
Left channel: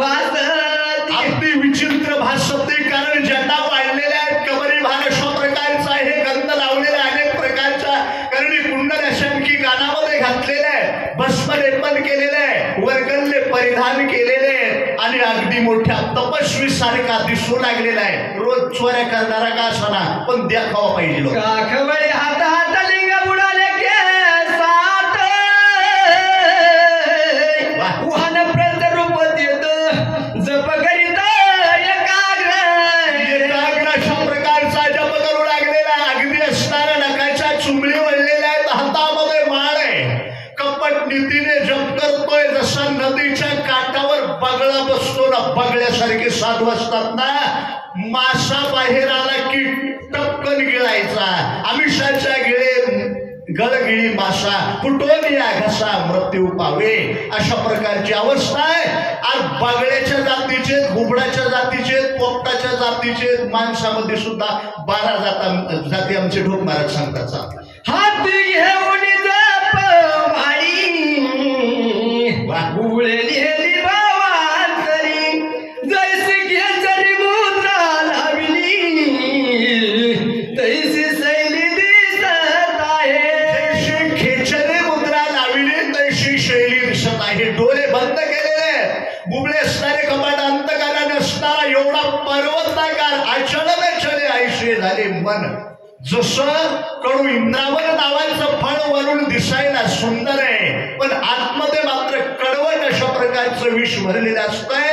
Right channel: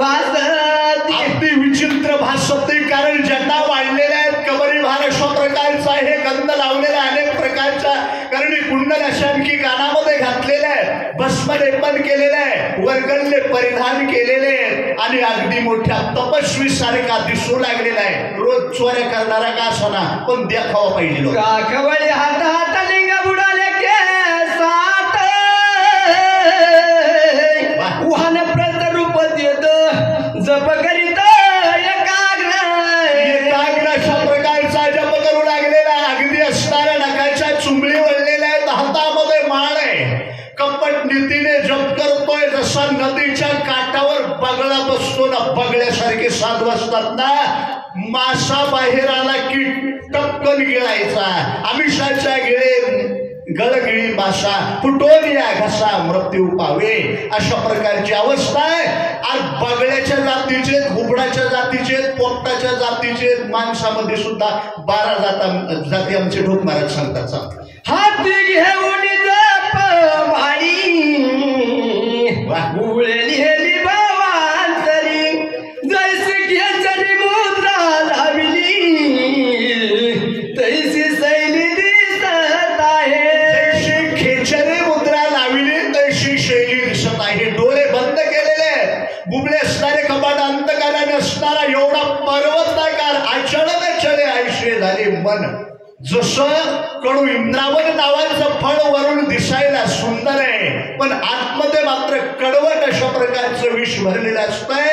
भासती. अगदी विचित्र भासते. कारण जटा वाढलेल्या आहेत. कबरी भार अशा प्रकारचा आहे. गंध लावलेला अनेक प्रकारचा करणी कुंडल अशांकी गाण्यामध्ये घातलेले आहे. भस्म लेपन केलेलं आहे. वर्गल्ले परिधान केलेले आहेत. आणि अगदी मोठ्या तपस्वी सारखा दिसू लागलेला आहे. रोज चोऱ्या करणारा का असना पण देखावा पाहिजे लोक. काखवळी हात हात लिंग बुडाले केसात वाहन प्रत रूप देत जप करीत एकाग्र अशा प्रकारचा जप करू लागलेला आहे. अगदी असणाऱ्या नखाच्या चुंबळी वळलेल्या आहेत. हातामध्ये माळ आहे. कपट नीतीने जप करतोय. जसा नदीच्या काठावर बगळा बसतो ना. बगळ्यासारखे साधू असतात ना. मासा बाहेर आला की टपकन गिळायचा. आमिषाच्या गिळे गळगिळी मासा फुटून या घसा मृत्यू पावे. अशा प्रकारची अवस्था आहे. आज बगळ्याच्या जातीचे, घुबडाच्या जातीचे, पोपटाच्या जातीचे, माणसामध्ये सुद्धा 12 जाती आमचे ढोक महाराज सांगतात. हाती घेऊन जप भाई उळेली भावांतरी जैसे घेचरी मुद्रा लावली तैसी जसं कडू इंद्रावन नावाचं फळ वरून दिसायला सुंदर आहे पण आतमध्ये मात्र कडवट अशा प्रकारचं विष भरलेलं असतंय.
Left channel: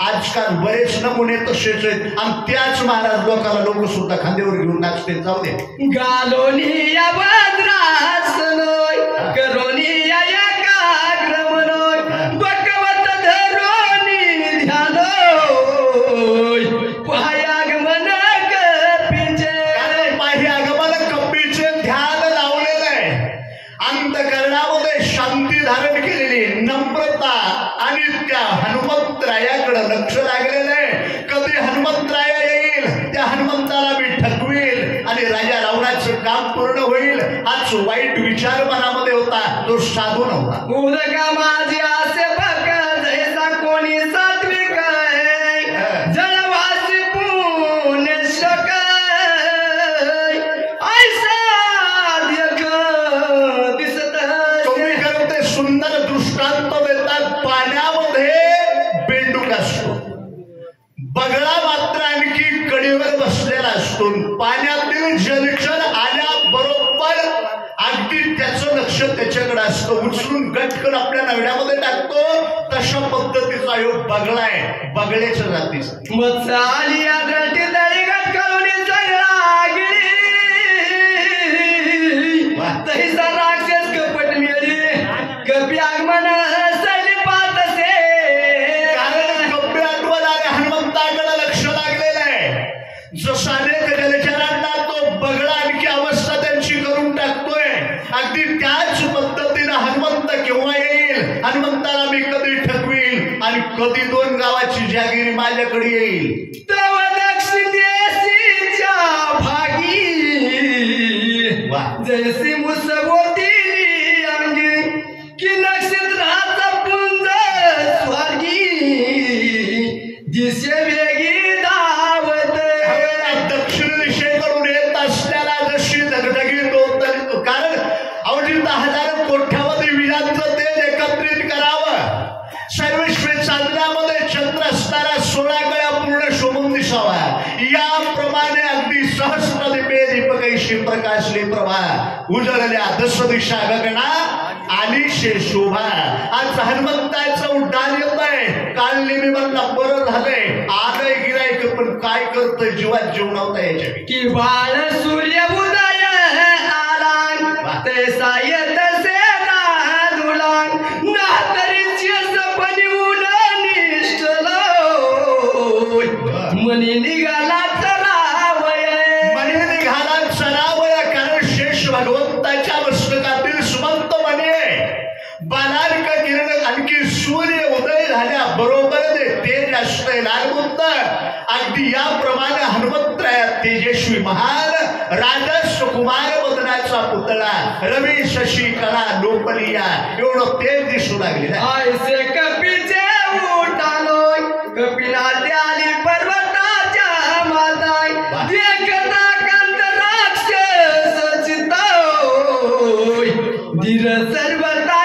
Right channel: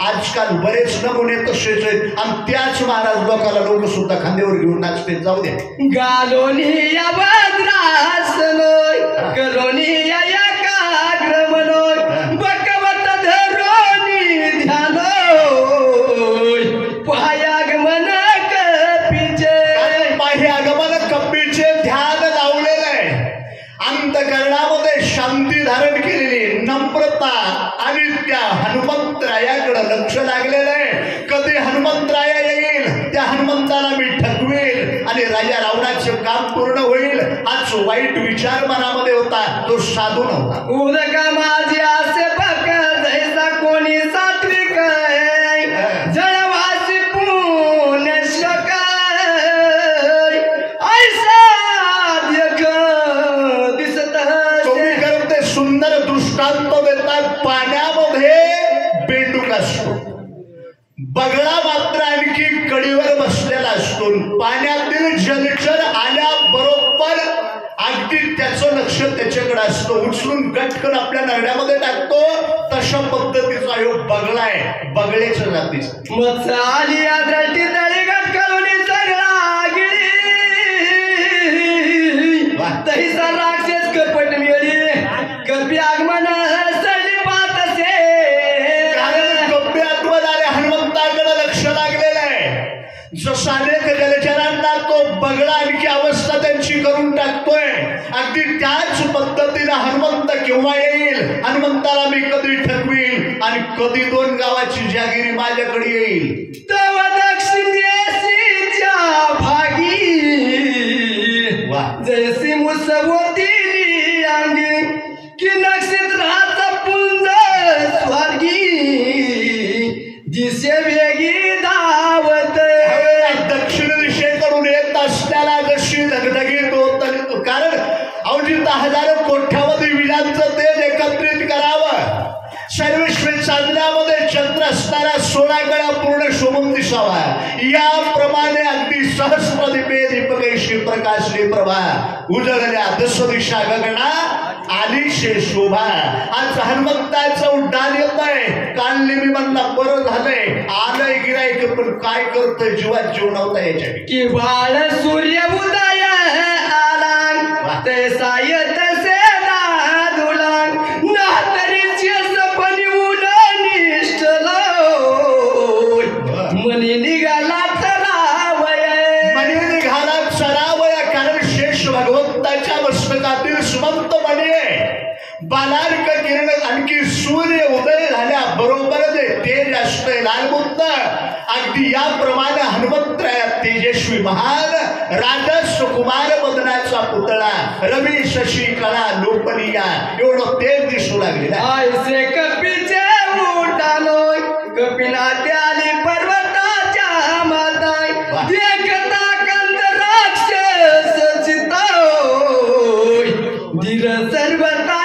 आजकाल बरेच नमुने तसेच आहेत आणि त्याच महाराज लोकांना लोक सुद्धा खांद्यावर घेऊन नाचते. जाऊ द्या. गालोनी या भद्रास नोय करोनी या एकाग्र मनोय बकवत धरोनी ध्यानोय पायागमन कपीचे पायागमन कपीचे ध्यान लावलेलं आहे. अंतकरणामध्ये शांती धारण केलेली नम्रता आणि त्या हनुमंतरायाकडे लक्ष लागलेलं आहे. कधी हनुमंतराया येईल त्या हनुमंताला मी ठगवील आणि राजा रावणाचं काम पूर्ण होईल हाच वाईट विचार मनामध्ये होता. तो साधू नव्हता. उदका माझे असे बक जैसा कोणी सात्विक जळवासी पुण्य शोक ऐसा देख दिसत तुम्ही करते सुंदर दृष्टांत देतात. पाण्यामध्ये बेंडूक असतो बगळा मात्र आणखी कडीवर बसलेला असतो. पाण्यातील जलचर आल्याबरोबर अगदी त्याचं लक्ष त्याच्याकडे असतं. उचलून गटकन आपल्या नगड्यामध्ये टाकतो. तशा पद्धतीचा योग बगळा आहे. बगळ्याच्या जातीचा मत्स आली आदरटी तळी गटकळून सगळा गिरी तैसा राक्षस कपट मिळी कपी आगमन सली पात असे कप्पे आठवण आले. हनुमंताकडे लक्ष लागलेलं आहे. जसा अनेक जलचरांना तो बगळा आणखी अवस्था त्यांची करून टाकतोय अगदी त्याच पद्धतीनं हनुमंत केव्हा येईल हनुमंताला मी कधी ठगवील आणि कधी 2 गावाची जागिरी माझ्याकडे येईल. तव दक्षिणेच्या भागी जैसी मुसवती अंगी की नक्षत्राचा पुंज स्वर्गी दिसे वेगी धावत. दक्षिण दिशेकडून येत असल्याला जशी धगधगीत होत कारण अवधी 10,000 कोट्यावधी विजांचं तेज एकत्रित करावं. सर्वेश्वर साधनामध्ये चंद्र असताना 16 गळ्या पूर्ण शोभून दिसावा याप्रमाणे अगदी सहस्र दीपे दीपकैशी प्रकाशली प्रभा उजळल्या दश दिशा गगना आलीशे शोभा. आज हनुमंताचं उड्डाण येत आहे. काल नेहमी म्हणलं बरं झालंय आलंय गिरायक पण काय करतोय जीवात जीव नव्हता याच्या की बाळ सूर्य उदय आला तैसा येत से दुलांग ना तरीची सपनी उडून निष्ठलो मनी निघाला चलावय मनी निघाला चलावय कारण शेष भगवंताच्या मस्तकातील सुमंत मनी बालार्क किरण आणखी सूर्य उदय झाल्या बरोबर ते तेज असते लालबुद्ध अगदी याप्रमाणे हनुमंतराया तेजस्वी महान राजस कुमार मदनाचा पुतळा रवी शशी कला लोपलिया एवढं तेज दिसू लागलेला. ऐसे कपीचे उठालोय कपिला त्याली पर्वताच्या माताय देखता कंद राक्षस चिताय धीर सर्वता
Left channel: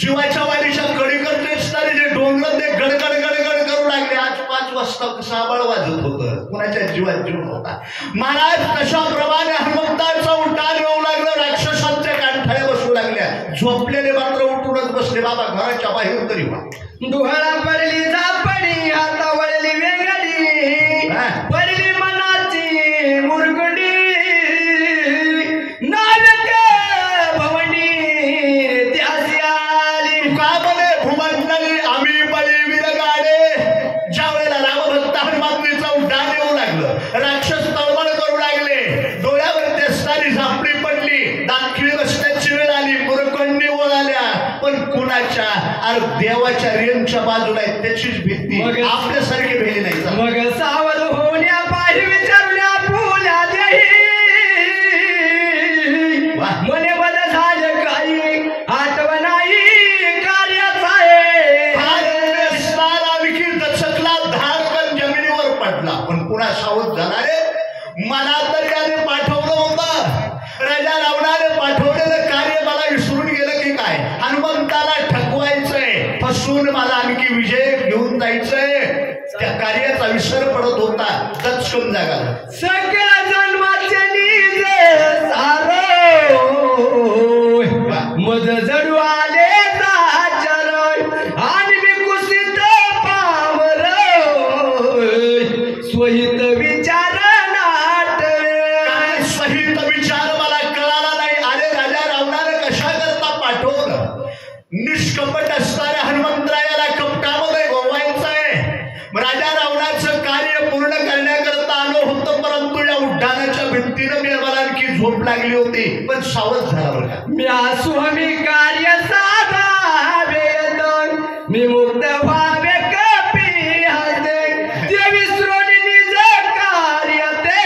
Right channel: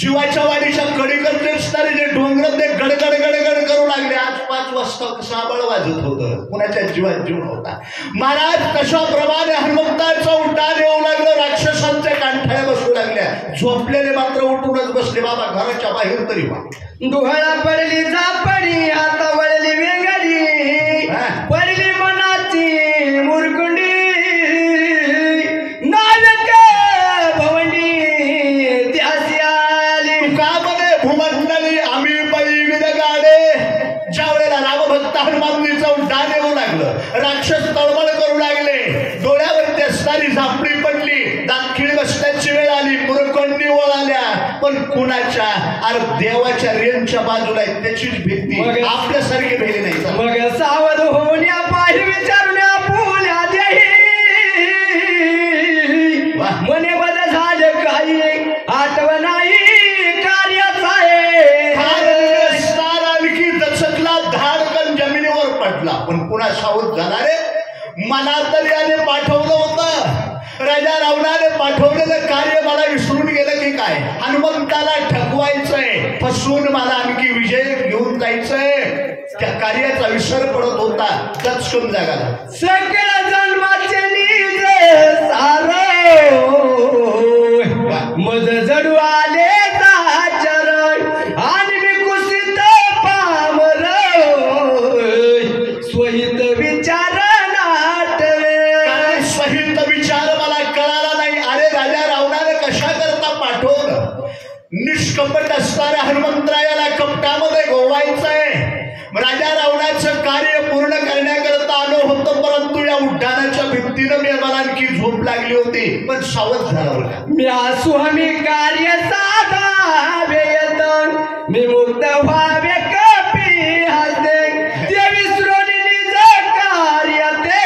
जीवाच्या वारीच्या कडी करते असणारे जे डोंगर ते गडगड गडगड करू लागले. आज 5 वाजता साबळ वाजत होतं कुणाच्या जीवात जीव नव्हता. महाराज कशा प्रमाणे हनुमंताचा उड्डाण येऊ लागलं. राक्षसांच्या कांठाळ्या बसू लागल्या. झोपलेले मात्र उठूनच बसले. बाबा घराच्या बाहेर तरी वा. डोळा पडली झापडी आता वळली वेगळी पडली मनाची मुरकुंडी नानक भवंडी त्यासी आली तुकामध्ये भूमंडळी आम्ही बळी विदगाडे. ज्या वेळेला रामभक्त हनुमानजीचं उड्डाण येऊ लागलं राक्षस तळमळ करू लागले. डोळ्यावरती असणारी झापडी पडली. दाखिळी बसण्याची वेळ आली. मुरकुंडी वळाल्या पण कुणाच्या अरे देवाच्या रेंजच्या बाजूला आहे त्याचीच भीती आपल्यासारखी भेली नाही. मग सावध होण्या पाहिजे विचारण्या पुण्या देही मने बदल झालं काही आठवणाई कार्याचा आणखी दचकला धाडकन जमिनीवर पडला पण पुन्हा सावध झाला रे. मला तर त्याने पाठवलं होतं राजा रावणाने पाठवलेलं कार्य मला विसरून गेलं की काय? हनुमंताला ठकवायचंय, फसवून मला आणखी विजय घेऊन जायचंय. त्या कार्याचा विसर पडत होता. तत्सम जागाला सकल जन्माचे नीज सारो मज जडू आले चर आणि मी कुसित पामर स्वहित विचार नाटले. सहित विचार मला कळाला नाही. अरे राजा रावणाने कशा करता पाठवलं? निष्कपट असणाऱ्या हनुमंतरायाला कपटामध्ये गोवायचंय. राजा रावणाचं कार्य पूर्ण करण्याकरता आलो होतो, परंतु या उड्डाणाच्या भिंतीनं मी मला आणखी झोप लागली होती. पण सावध झाला बरं का. मी असू हमी कार्य साधावे येत मी मुक्त व्हावे कपी हसे ते विसरून निज कार्य ते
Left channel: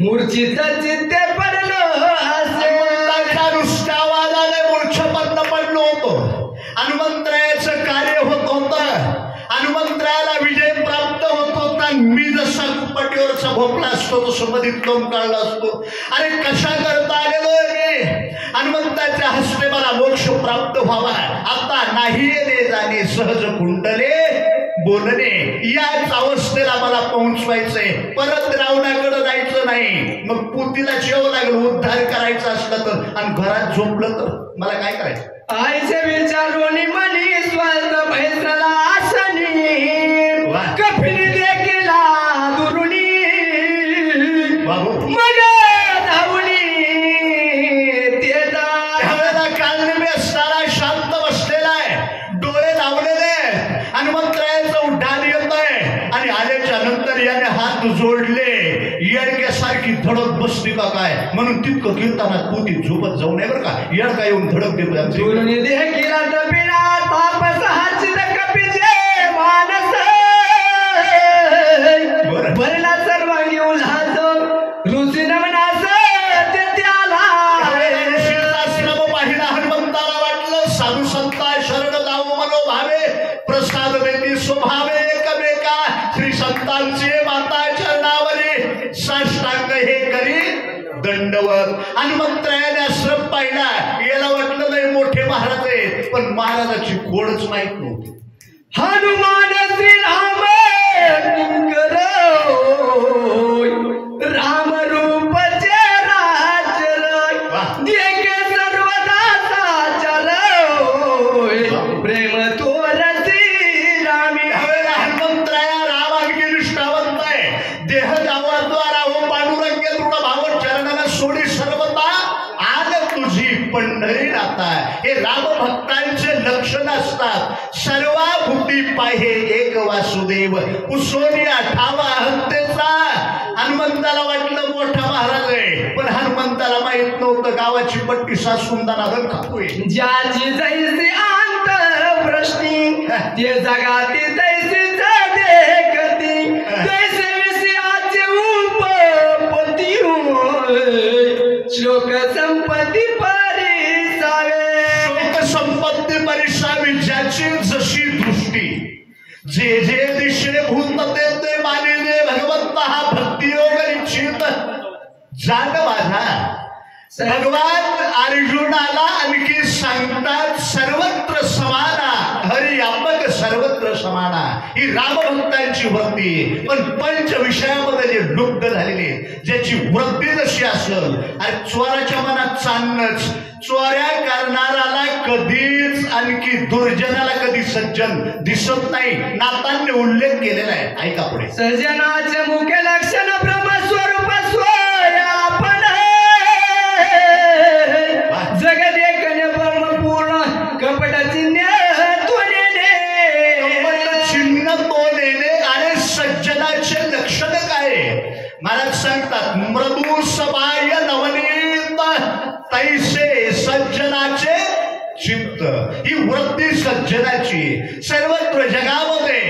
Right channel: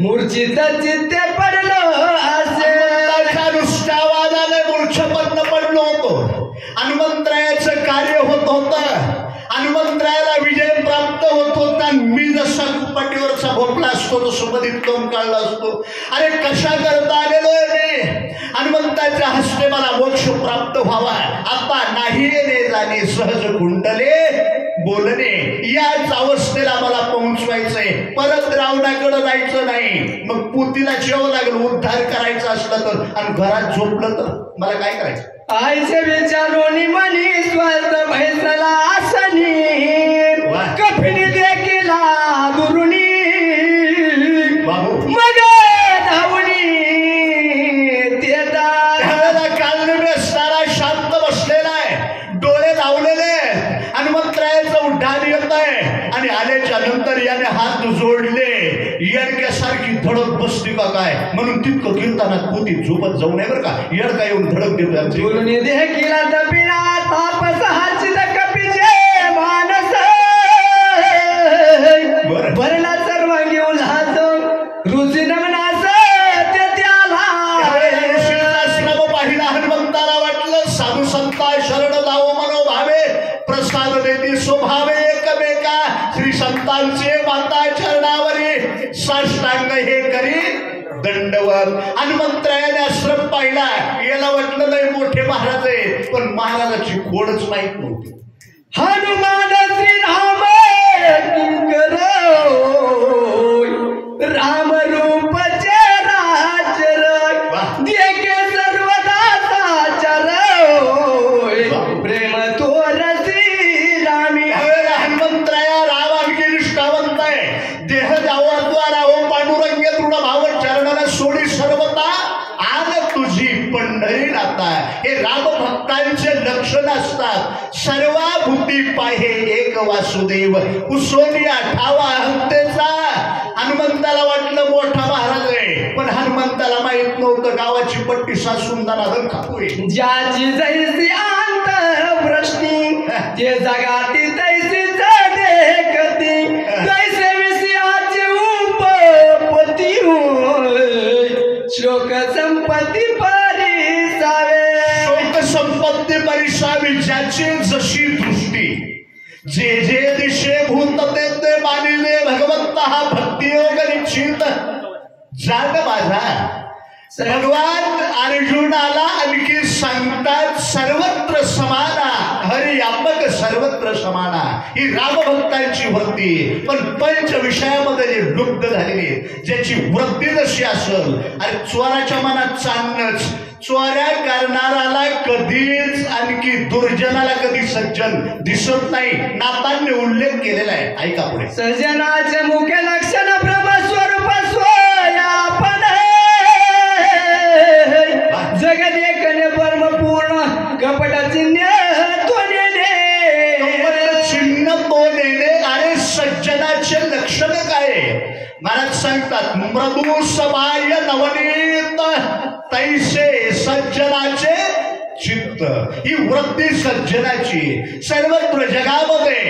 मूर्छित चित्ते पडलो असे. नुसत्या आवाजाने मूर्छपन्न पडलो होतो. हनुमंतरायाचं कार्य होत होतं. हनुमंतरायाला विजय प्राप्त होत होता. मी जसा कुपटीवरचा भोपला असतो तसं मधीत लोम काढला असतो. अरे कशा करता आलेलो मी? हनुमंताच्या हस्ते मला मोक्ष प्राप्त व्हावा. आता नाही येणे जाणे सहज कुंडले बोलणे, याच अवस्थेला मला पोहोचवायचंय. परत रावणाकडे जायचं नाही. मग पुतीला जेव लागेल उद्धार करायचा असला तर, आणि घरात झोपलं तर मला काय करायचं? आईचे विचारोनी मनी स्वस्त फैसला आसनी कपिली देखील दुरुनी मग धावणी त्यावेळेला कालनेमी असताना शांत बसलेला आहे, डोळे लावलेले. हनुमंतरायाचं उड्डाण येत आहे आणि आल्याच्या नंतर याने हात जोडले. येडक्यासारखी धडक बसते का काय म्हणून तितकं कीर्तनात पोती झोपत जाऊ नये बरं का. येडका येऊन धडक देतो. देखील दबिना तापस हाचित कपीचे मानस भरला सर्वांगी उल्हास रुची नमनास ते त्याला पाहिला. हनुमंताला वाटलं साधू संता शरण लावो मनोभावे प्रसाद देती स्वभावे एकमेका. श्री संतांचे माता चरणावरी साष्टांग हे करी दंडवत. हनुमंतरायाने आश्रम पाहिला. याला वाटलं नाही मोठे महाराज आहे, पण महाराजाची खोडच माहित नव्हती. हनुमान श्रीराम किंकर राम रूपचे राजर देखे सर्वदा साचर प्रेम तोरसी रामी. हनुमंतराया राम आणखी निष्ठावंत आहे. देह जावाद्वारा हो पांडुरंग दृढ भाव चरणाला सोडी सर्वता आन तुझी पंढरी नाता. हे राम भक्तांचे लक्षण असतात. सर्वाभूती पाहे एक वासुदेव उसोनिया ठावा हंतेचा. हनुमंताला वाटलं मोठा महाराज आहे, पण हनुमंताला माहित नव्हतं गावाची पट्टी सासून दाना रंग खातोय. ज्याची जैसी अंत प्रश्नी ते जगाती तैसीच देखती जैसे विषयाचे उपपती शोक संपत्ती परिसावे. शोक संपत्ती परिसावी ज्याची जशी दृष्टी. जे जे दिशे भूत ते मानिले भगवंत हा भक्ती योग निश्चित जाग माझा. भगवान अर्जुनाला आणखी सांगतात सर्वत्र समाना हरियात्मक सर्वत्र समाना. ही रामभक्तांची वृत्ती. पण पंच विषयामध्ये जे लुप्त झालेले, ज्याची वृत्ती जशी असेल. अरे चोराच्या मनात चालणंच. चोऱ्या करणाराला कधीच आणखी दुर्जनाला कधी सज्जन दिसत नाही. नातांनी उल्लेख केलेला आहे. ऐका पुढे. सज्जनाचे मुख्य लक्षण ब्रह्मस्वरूप स्वयापन जगत एकने परम पूर्ण कपट चिन्ह तोडणे. अरे सज्जनाचे लक्षण काय? महाराज सांगतात मृदू सबाय नवनीत तैसे सज्जनाचे चित्त. ही वृत्ती सज्जनाची. सर्वत्र जगामध्ये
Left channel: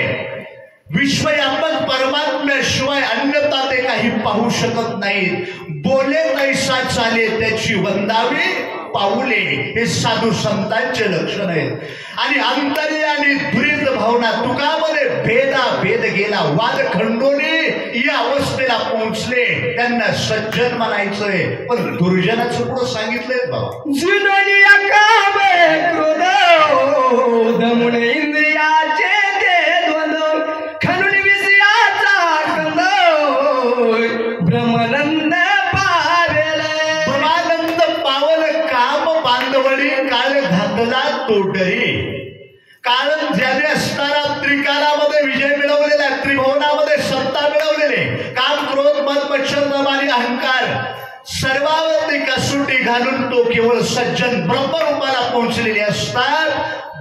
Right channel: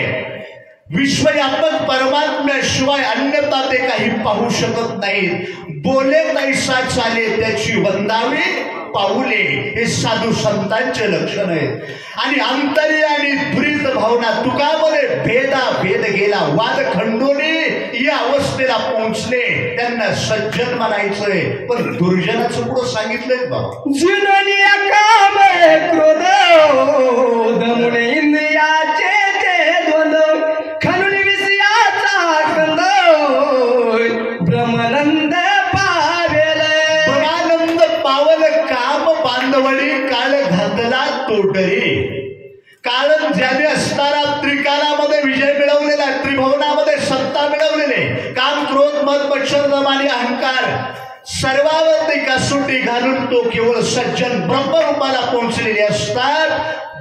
विश्वव्यापक परमात्म्याशिवाय अन्यथा ते काही पाहू शकत नाहीत. बोले तैसा चाले त्याची वंदावी पाऊले हे साधू संतांचे लक्षण आहेत. आणि अंतर्यामी दुरित भावना तुकामध्ये भेद गेला वाद खंडोने या अवस्थेला पोहोचले. त्यांना सज्जन म्हणायचंय, पण दुर्जनाचं पुढं सांगितलंय बाबा. जिनोनिया काम क्रोध मुने इंद्रियाचे ते द्वंद्व खणून विषयाचा कंद ब्रह्मानंद पावेले. ब्रह्मानंद पावल काम बांधवडी काळ घातला तोडरी. कारण ज्याने असताना त्रिकालामध्ये विजय मिळवलेला, त्रिभुवनामध्ये सत्ता मिळवलेले, काम क्रोध मद मच्छर दम आणि अहंकार सर्वावरती कसोटी घालून तो केवळ सज्जन ब्रह्मरूपाला पोहोचलेले असतात.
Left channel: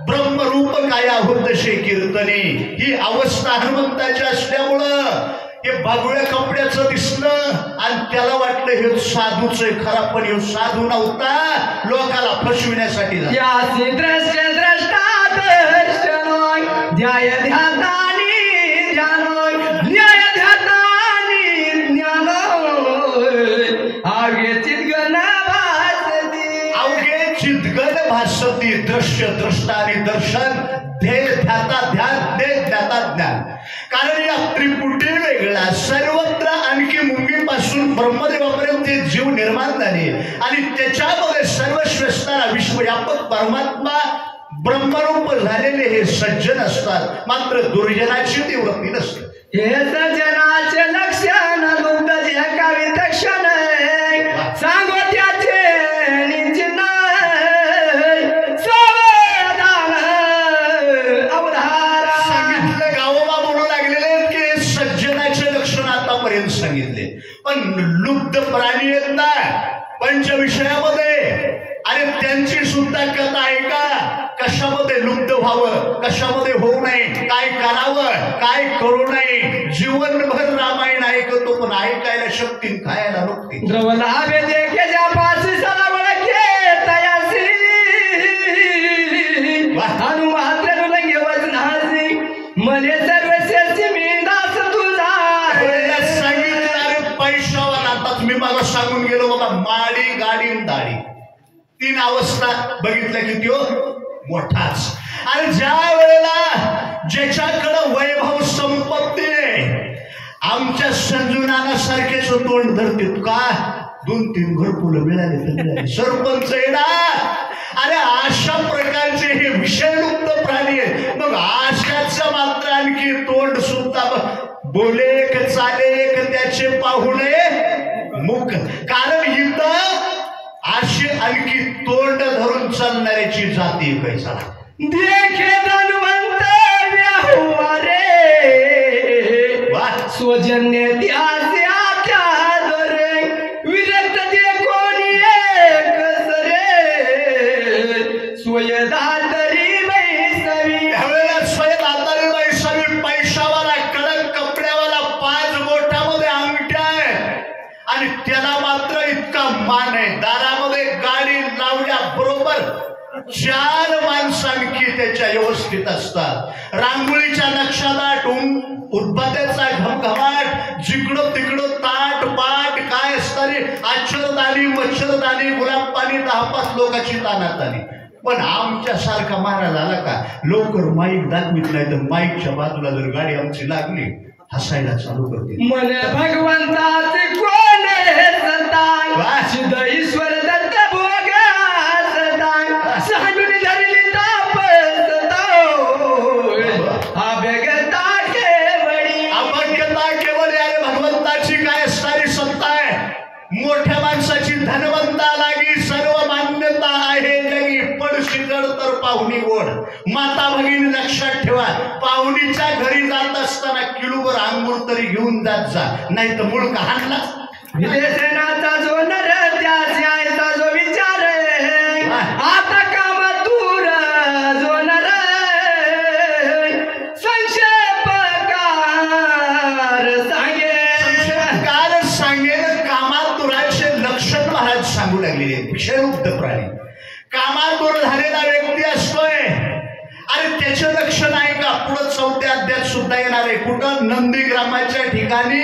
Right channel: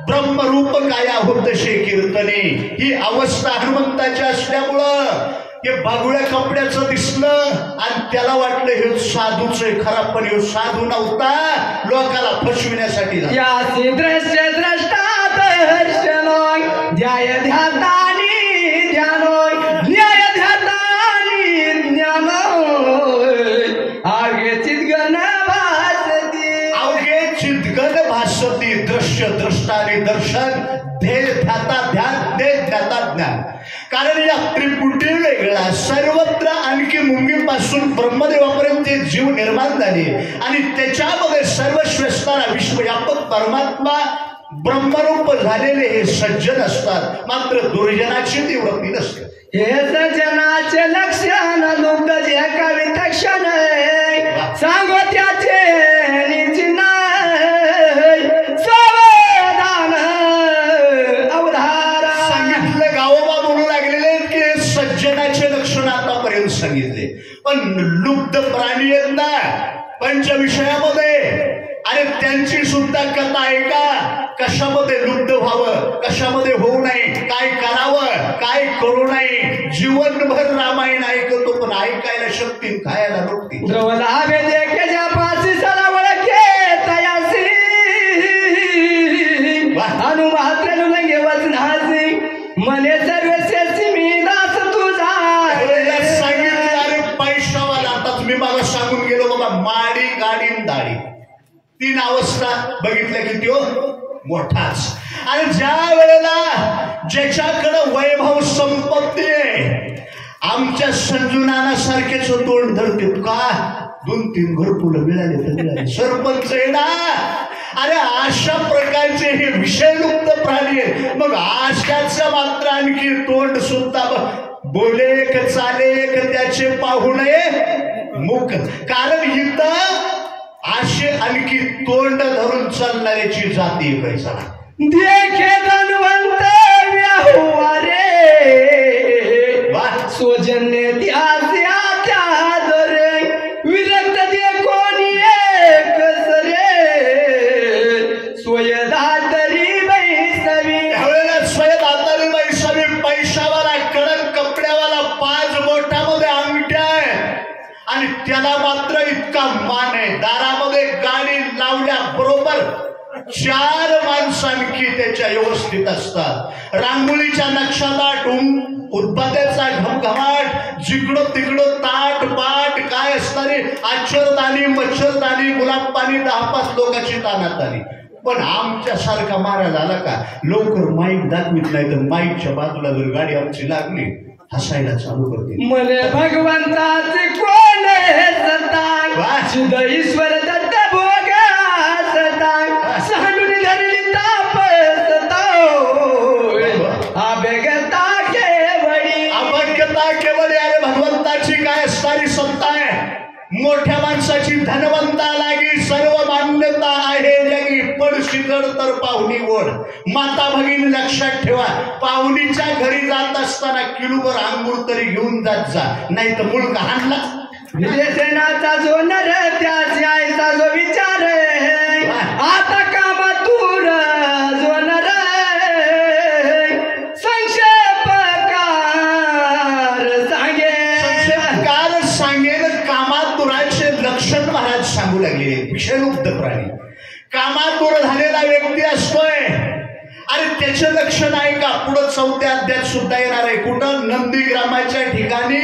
ब्रह्मरूप काया होतशे कीर्तने ही अवस्था हनुमंताची असल्यामुळं हे बागुळ्या कपड्याचं दिसलं आणि त्याला वाटलं हे साधूच आहे. खरा पण हे साधू नव्हता, लोकाला फसविण्यासाठी. यासी दृश्य द्रष्टा दर्शनोय ध्याय ध्यातानी ध्यानोय न्याय ध्यातानी ज्ञानोय आगे चितगण भासती. अवघे चितगण भासती. दृश्य द्रष्टा आणि दर्शन, ध्येय ध्याता ध्यान, ध्येय ध्याता ज्ञान. कारण या त्रिपुटी वेगळा सर्वत्र आणखी मुंगीपासून ब्रह्मदेवापर्यंत जे जीव निर्माण झाले आणि त्याच्यामध्ये सर्वस्व असणारा विश्वव्यापक परमात्मा ब्रह्मरूप झालेले हे सज्जन असतात. मात्र दुर्जनाची ती वृत्ती नसते. हे सज्जनाचे लक्षण लुब्ध जे कवी तक्षण सांगो त्याचे निचिन सावधान अवधारा. सांगितलं गावोबा बोलू लागलेले की सज्जनाचे लक्षण आतापर्यंत सांगितले, पण लुब्ध प्राणी आहेत ना पंचविषयामध्ये, आणि त्यांची सुद्धा कथा आहे का? कशामध्ये लुब्ध व्हावं, कशामध्ये होऊ नये, काय करावं, काय करू नये. जीवनभर रामायण ऐकतो पण ऐकायला शक्ती, खायला नव्हती. द्रवलावे देखे ज्या पासी सलावळ के तयासी हनुमात्र लंगे वचनासी मने सर्वस्यासी मी दास तुझा. सांगितलं अरे पैशावाला. आता मी मला सांगून गेलो बाबा, माडी गाडी दाढी तीन अवस्था बघितल्या की त्यो मोठाच. आणि ज्या वेळेला ज्याच्याकडं वैभव संपत्ती आहे, आमच्या संजुनाना सारखेच तोंड धरतील का 2-3 घरकुलं मिळाले तर मिळाले, सरपंच आहे ना. अरे अशा प्रकारचे हे विषयलुप्त प्राणी आहेत. मग आशाचं मात्र आणखी तोंड सुद्धा बोले एक चाले एक त्याचे पाहुणे मुख. कारण इथं असे आणखी तोंड धरून चालणाऱ्याची जाती पैसा देखे धनवंत व्याहुवारे स्वजन्य त्याच्या त्या दरे विरक्त जे कोणी एक सरे स्वयदातरी बैसवी. ह्यावेळेला स्वयदातरी बैसवी. पैशावाला, कडक कपड्यावाला, 5 बोटामध्ये अंगठ्या आहे आणि त्याला मात्र इतका मान आहे. दारामध्ये गाडी लावल्या बरोबर 4 माणसांकी त्याच्या व्यवस्थित असतात. रांगोळीच्या नक्षा दाटून उदबत्याचा घमघमाट, जिकडं तिकडं ताट पाट काय असणारे आच्छरदानी मच्छरदानी गुलाब पाणी 10-5 लोकांची तानात आली. पण आमच्यासारखा महाराज आला का लवकर माईक दाखवित नाही तर माईकच्या बाजूला जर गाडी आमची लागली हसायला चालू करते. मने भगवंताचे कोण हे सताय सिद्ध ईश्वर दत्त भोगा सताय सहनुनी धरली ताप सताय अभ्यगता केवळी. अभ्यगता केवळी. अरे भगवंताची काय असणारी सत्ता आहे. मोठ्या माणसाची धनवंता लागी सर्व मान्यता आहे जगी. पडशीकड तर पाहुणी ओढ. माता भगिनी लक्षात ठेवा, पाहुणीच्या घरी जात असताना किलोभर अंगूर तरी घेऊन जात जा, नाही तर मुळका हाणला. विदेशनाचा जो नर त्याची आईचा जो विचार आता कामातूर जो नर संक्षेपकार सांगेन. कामातुराचे लक्षण महाराज सांगू लागले. विषययुक्त प्राणी कामातुर झालेला व्यक्ती असतोय आणि त्याचे लक्षण आहे का पुढे 4थ्या अध्यायात सुद्धा येणार आहे. कुठं नंदीग्रामाच्या ठिकाणी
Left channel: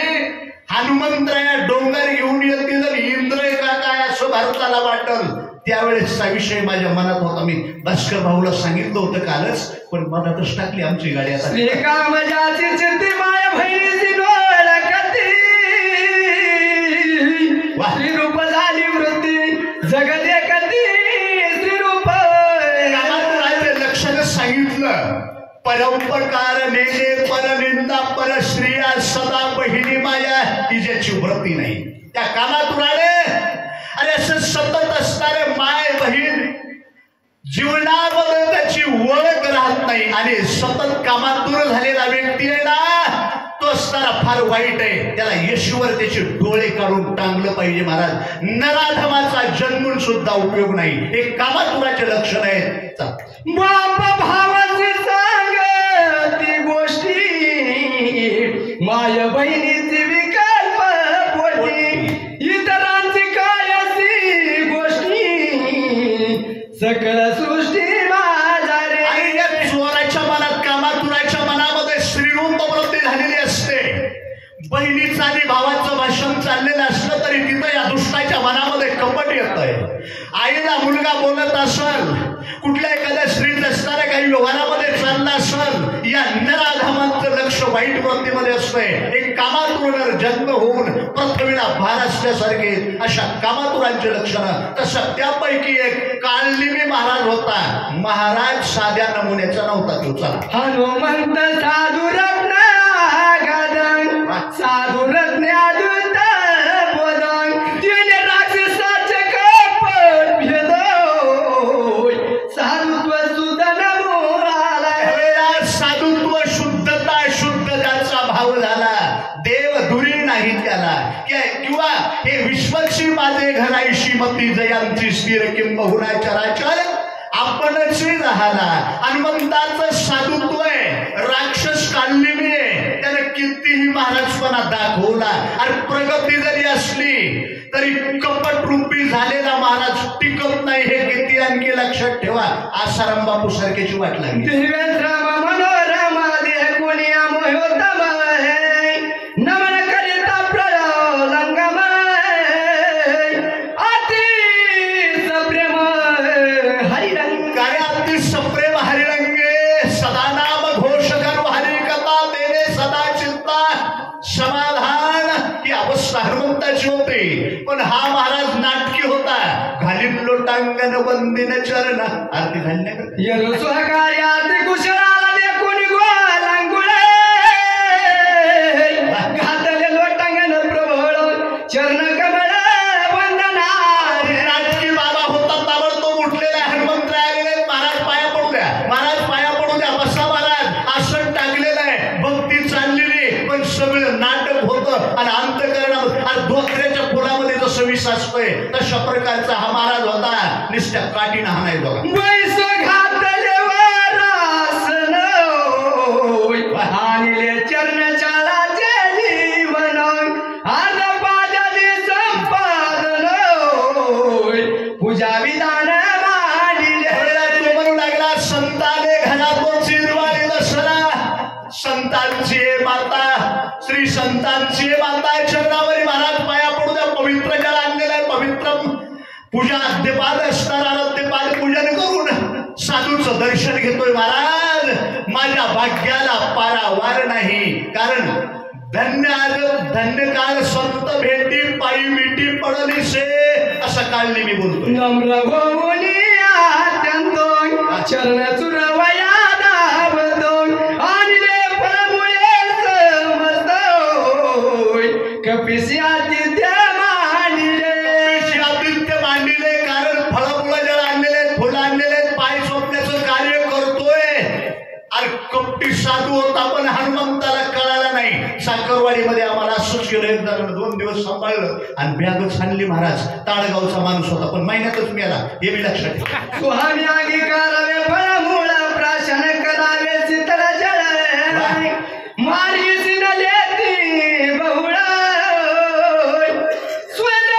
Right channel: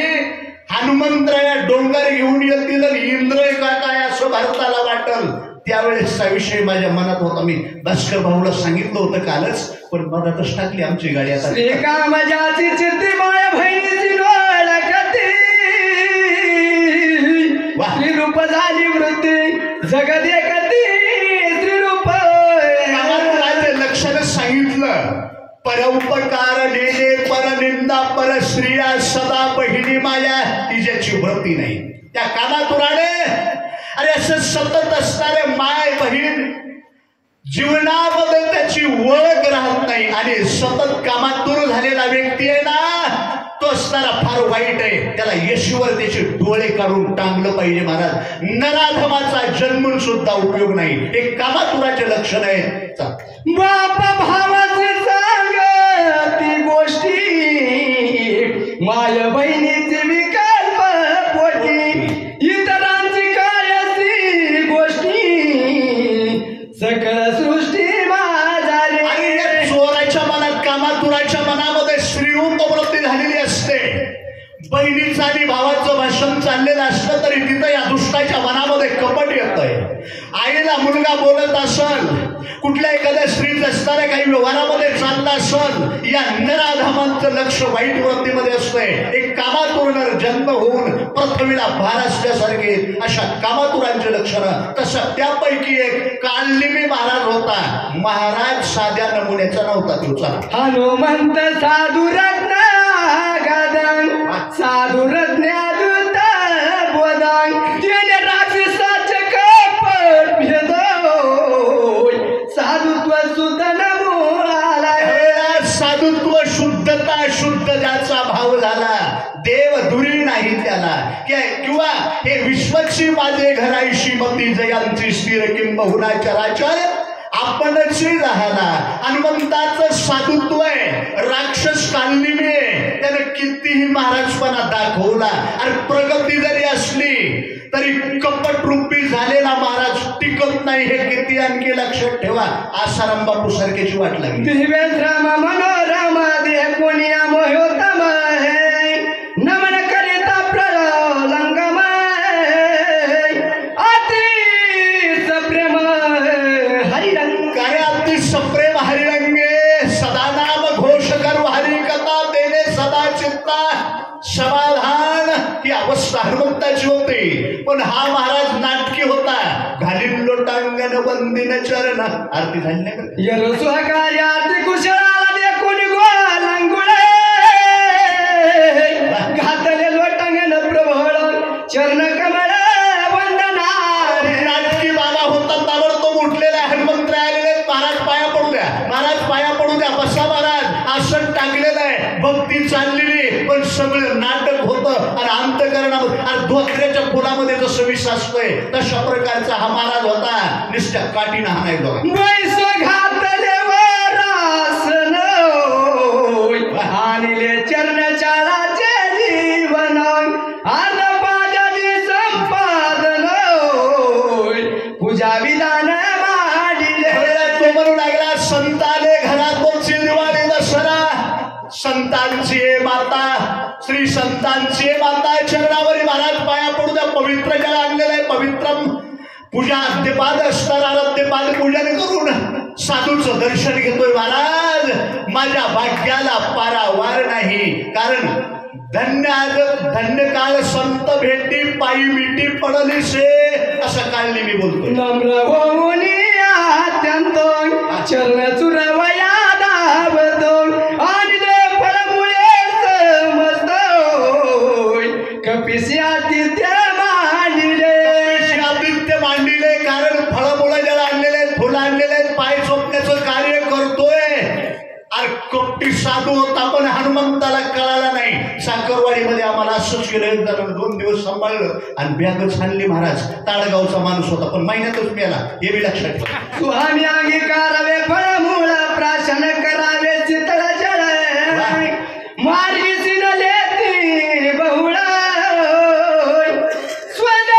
हनुमंतराया डोंगर घेऊन येतील आणि इंद्र का काय असं भारताला वाटल. त्यावेळेसचा विषय माझ्या मनात होता. मी भास्कर भाऊला सांगितलं होतं कालच, पण मनातच टाकली आमची गाडी आता. श्रीकामजाची चित्ती माया बहिणीची डोळकती श्रीरूप झाली वृत्ती जगत एकती श्रीरूप. कामात लक्षानं सांगितलं, परोपकार नेले परनिंदा पर स्त्रिया सदा बहिणी माया तिच्याची व्रती नाही. त्या कामातुराने अरे असं सतत असणारे माय बहीण जीवनामध्ये त्याची ओळख राहत नाही आणि सतत कामातूर झालेला व्यक्ती आहे ना, तो असणारा फार वाईट आहे. त्याला येशूवर त्याचे डोळे काढून टांगलं पाहिजे महाराज. नराधमाचा जन्मून सुद्धा उपयोग नाही. हे कामातुराचे लक्षण आहे. बापा भावाची सांगती गोष्टी माय बहिणीची विकल्प पोटी इतरांची काय अशी गोष्टी सकल सृष्टी माझा रे. आणि या चोराच्या मनात कामातुराच्या मनामध्ये श्रीरूप वृत्ती झालेली असते. बहिणीचं आणि भावाचं भाषण चाललेलं असलं तरी तिथं या दुष्टाच्या मनामध्ये कपट येत आहे. आईला मुलगा बोलत असल, कुठल्या एखाद्या स्त्रीत असणाऱ्या काही व्यवहारामध्ये चालला असल, या नराधमांचं लक्ष वाईट वृत्तीमध्ये असतंय. एक कामातुर जन्म होऊन पृथ्वीला भार असल्यासारखे अशा कामातुरांचे लक्षणं. तसं त्यापैकी एक कालनिमी महाराज होता. महाराज साध्या नमुन्याचा नव्हता तो. चला, हनुमंत साधू रत्न गदंग साधू रत्न अद्भुत बोधंग त्याने राक्षसाचे कपट भेदोय साधुत्व शुद्ध नमुळाला. साधुत्व शुद्धता शुद्ध त्याचा भाव झाला. देव दुरी नाही त्याला. किंवा हे विश्वची माझे घराईशी मती जयांची स्थिर किंबहुना चराचर आपणच राहला. हनुमंताचं साधुत्व आहे. राक्षस कालनिमी आहे. त्याने कितीही महाराजपणा दाखवला आणि प्रगती जरी असली तरी कपट रूपी झालेला महाराज टिकत नाही. हे किती आणखी लक्षात ठेवा. आसाराम बापू सारख्याची वाट लागली. दिव्यश्रम मनोरम देह कोणिया मोहोत्तम नमन करिता प्रलंगम अति सप्रेम हरिरंग. काय अति सप्रेम हरिरंगे सदा नाम घोष करू हरी कथा देणे सदा चिंता समाधान. ही अवस्था हनुमंताची होती. पण हा महाराज नाटकी होता. घालीत लोटांगण वंदिन चरण. आरती झाली नाही बरं. यरु स्वकार्यात कुशळाला देखून गोलंगुळे घातले लोटांगण प्रभळ चरण कमळ वंदना. नाटकी बाबा होता. ताबडतोब उठलेला हनुमंत आलेले. महाराज पाया पडू द्या, महाराज पाया पडू द्या. बसा महाराज. आसन टाकलेलं आहे. भक्ती चाललेली, पण सगळं नाटक होतं आणि अंतकरणामध्ये धोत्र्याच्या फुलामध्ये जसं विष असतोय तशा प्रकारचा हा महाराज होता. निष्ठा काठीनं हाणाय बघा. वैस घातले वरासन हानिले चरण चालाचे जीवन आन पाजली संपादन पूजा विधान मांडिले. तू म्हणू लागला संताने घरातोची दिवाळी दसरा. संतांची माता श्री संतांची माता चरणावरी महाराज पाया पडू द्या. पवित्र जल आणलेलं आहे. पवित्र पूजा अद्यपाद असताना अद्यपाद पूजन करून साधूचं दर्शन घेतोय. महाराज माझ्या भाग्याला पारावार नाही. कारण धन्य आज धन्य काळ संत भेटी पायी मिठी पडली से असं काळने मी बोलतोय. नम्र होऊन अत्यंत चरण चुरवया दाबतो आणले फळमुळे समजतोय कपिसी आदित्य मांडिले. आदित्य मांडिले. कारण फळमुळं ज्याला आणलेले आहेत, फुलं आणलेले आहेत, पाय चोपण्याचं कार्य करतोय. अरे कपटी साधू होता पण हनुमंताला कळाला नाही. साखरवाडीमध्ये आम्हाला असंच केलं. एक जण 2 दिवस सांभाळलं आणि बॅगच आणली. महाराज ताळगावचा माणूस होता पण महिन्यातच मेला. हे बी लक्षात ठेवा. सुहामी अंगीकारावे फळमूळ प्राशन करावे चितळ जळ मार्गी सिनलेती बहुळ स्वद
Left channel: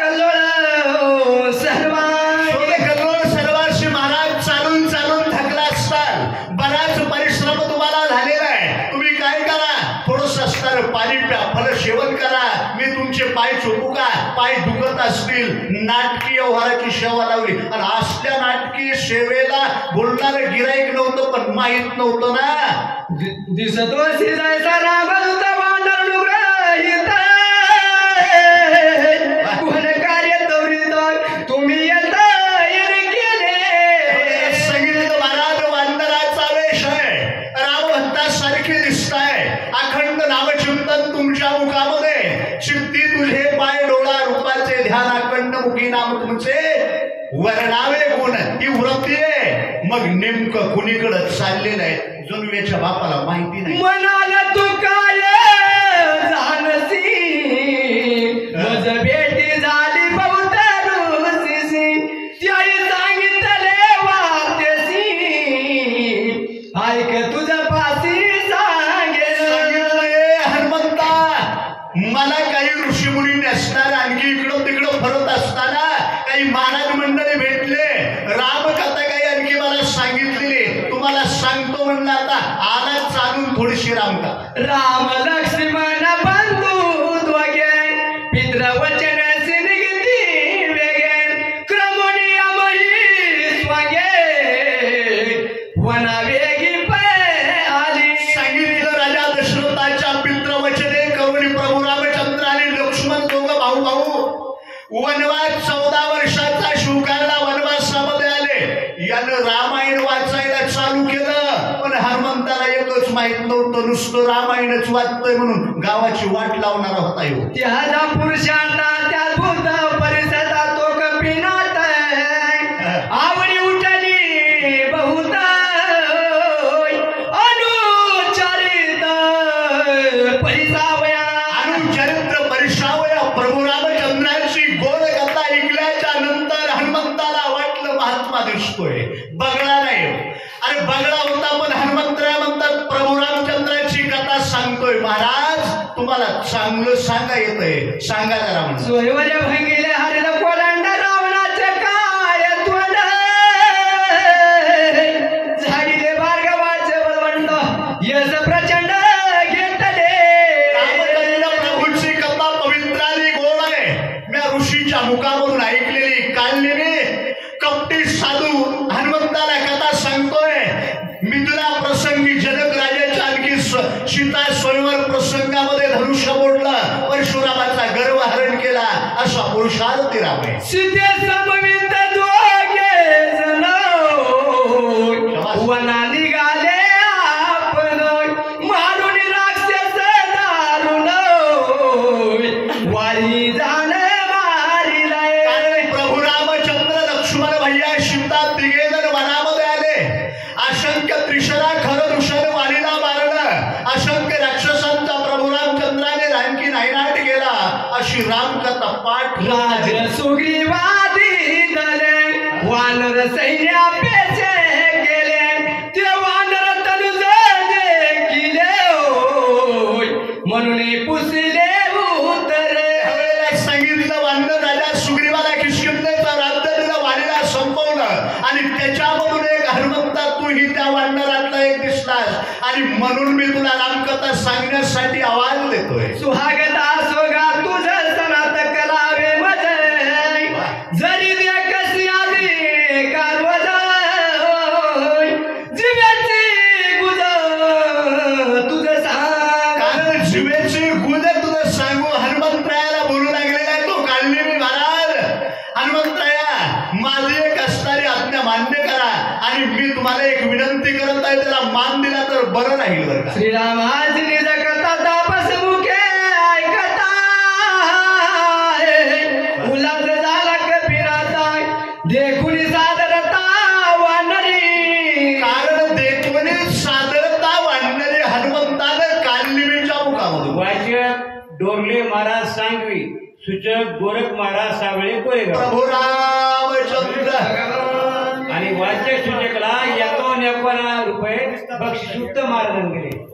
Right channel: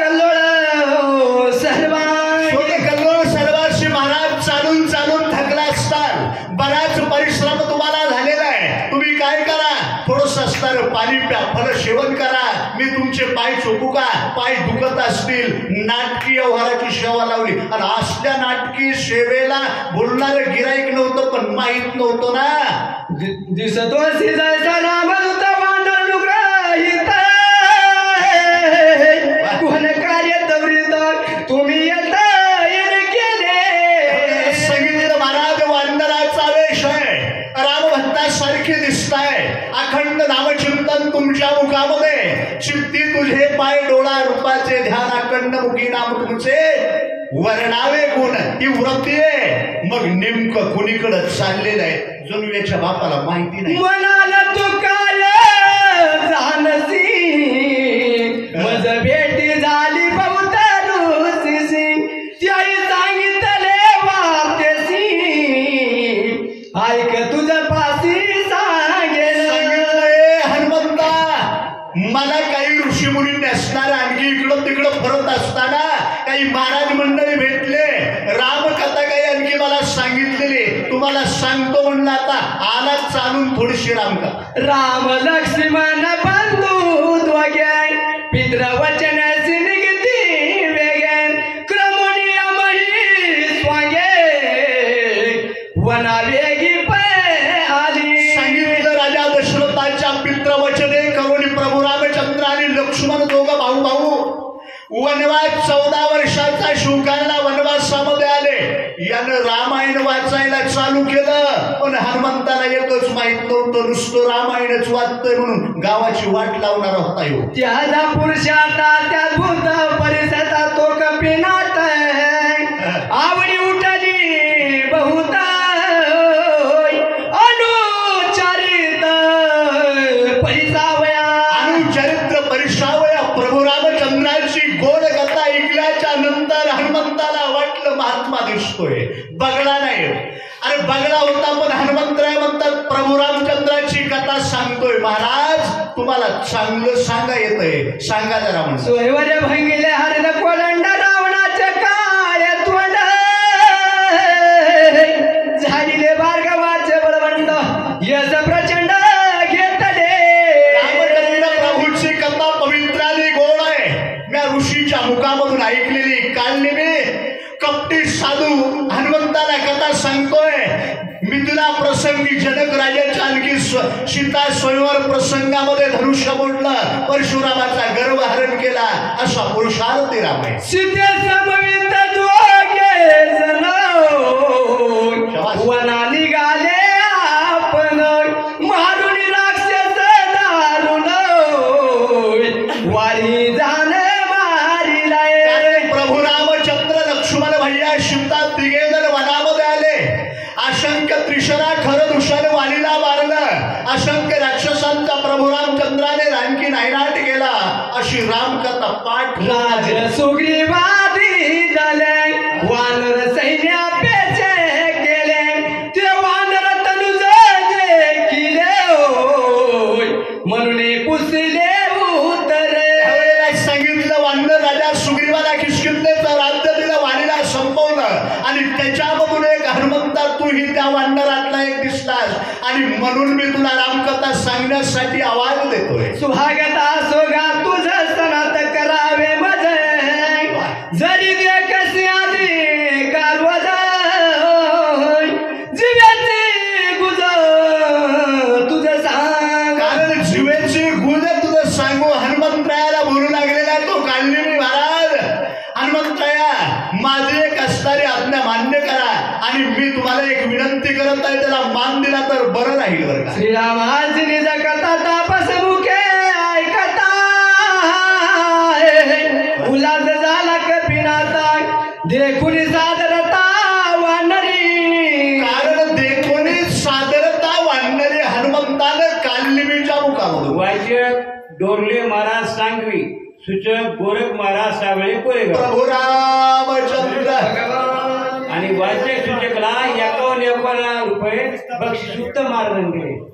कल्लोळ सर्वा. कल्लोळ सर्वांशी महाराज चालून चालून थकला असतात. बराच परिश्रम तुम्हाला झालेला आहे. तुम्ही काय करा, थोडंसं असणार पाणी प्या, फल सेवन करा, मी तुमचे पाय चोपू का, पाय दुखत असतील. नाटकी व्यवहाराची सेवा लावली आणि असल्या नाटकी सेवेला बोलणारं गिराईक नव्हतं, पण माहित नव्हतं ना. दिसतो शिजायचा रामदूत वानर अनुग्रहित कोण कार्य तवरीत तुम्ही येता केले. सांगितलं महाराज वानराचा वेश आहे, रामभक्तासारखे दिसताय, अखंड नामचिंतन तुमच्या मुखामध्ये, चित्ती तुझे पाय डोळा रूपाचे ध्यान, अखंड मुखी नाम तुमचे वर्णावे गुण. ही वृत्ती आहे. मग नेमकं कुणीकडे चाललेलं आहे जणू याच्या बापाला माहिती नाही. म्हणाला तू काय जानसी मज भेटी झाली बहुतरुसी, त्याही सांगितले वार्तेसी ऐक तुझं फाशी सांगेल. हनुमंता, मला काही ऋषीमुनी नसणार, आणखी इकडं तिकडं फिरत असताना काही महाराज मंडळी भेटले, रामकथा काही आणखी मला सांगितलेली, तुम्हाला सांगतो म्हणलं. आता आला चालून थोडीशी रामकथा. राम लक्ष्मण बंधू दोघे पितृवचन सिंगती वेगे क्रमुनिया मही स्वागे वना वेगी आली. सांगितलं राजा दशरथाच्या पितृवचने करुणी प्रभू रामचंद्र आणि लक्ष्मण दोघं भाऊ भाऊ वनवास 14 वर्षाचा शिवकाला वनवासामध्ये आले. यानं रामायण वाचायला चालू केलं, पण हनुमंताला एकच माहित नव्हतं, नुसतं रामायणच वाचतोय म्हणून गावाची वाट लावणारा होता येऊ. त्याला पुरुषांना त्या भूत परिसरात तो कपिनाथ आवडी उठली बहुत अनुचरित परिसावया. अनुचरित्र परिसावया प्रभू रामचंद्राची गोड कथा ऐकल्याच्या नंतर हनुमंताला वाटलं महात्मा दिसतोय, बगळा नाही. अरे बगळा होता, पण हनुमंतराय म्हणतात प्रभू रामचंद्राची कथा सांगतोय. महाराज तुम्हाला चांगलं सांगा येतंय, सांगा जरा म्हणून. सोयवल्या भंगिले हरिद कोलंड रावणाचे काय तोंड झाडीले भार्गवाचे बळवंड यश प्रचंड घेतले. रामचंद्र प्रभूची कथा पवित्र आणि गोड आहे. मी ऋषीच्या मुखामधून ऐकलेली, काढलेली. कपटी साधू हनुमंताला कथा सांगतोय. मिथिला प्रसंगी जनक राजाच्या आणखी सीता स्वयंवर प्रसंगामध्ये धनुष्य बोललं, परशुरामाचा गर्व हरण केला, असा पुरुषार्थी राम आहे. सीते समवित दोघे जण वना निघाले आपण मारून राक्षस दारुण वारी जाण मारिलाय. प्रभू रामचंद्र लक्ष्मण भैया सीता तिघेजण वनामध्ये आले. असंख्य त्रिशरा खरं दुषण वालीला मारलं, असंख्य राक्षसांचा प्रभू रामचंद्राने आणखी नायनाट केला. अशी रामकथा पाठ. राज सुग्रीवादी दले वानर सैन्या पेचे गेले, ते वानर तनुज देखिले म्हणून पुसले उतरे. सांगितलं वानर राजा सुग्रीवाला किष्किंधेचं राज्य दिलं, वालीला संपवलं, आणि त्याच्यामधून एक हनुमंता तूही त्या वानरातला एक दिसलास, आणि म्हणून मी तुला रामकथा सांगण्यासाठी आवाज देतोय. सुहागता सोगा तुझं सनात करावे मजे जरी दे कशी आली कारवज जीवाची गुज तुझं सांग. कारण जीवेची गुज तुझं सांगू हनुमंतरायाला बोलू लागलेला आहे. तो काढली मी महाराज. हनुमंतराया, माझी एक असणारी आज्ञा मान्य करा, आणि मी तुम्हाला एक विनंती करत आहे, त्याला मान दिला तर बरं राहील बरं का. श्रीरामाची निज कथा तापस मुखे ऐकता उल्हास झाला कपिनाथा देखुनी सादरता वानरी. कारण देखोनी सादरता वाढणारे हनुमंतानं कानलिमीच्या मुखामधून. वाचक डोरले महाराज सांगवी, सूचक गोरख महाराज सावळे कोरेगाव. प्रभू रामचंद्र आणि वाचक सूचकला 51 रुपये बक्षीस महाराजांनी दिले.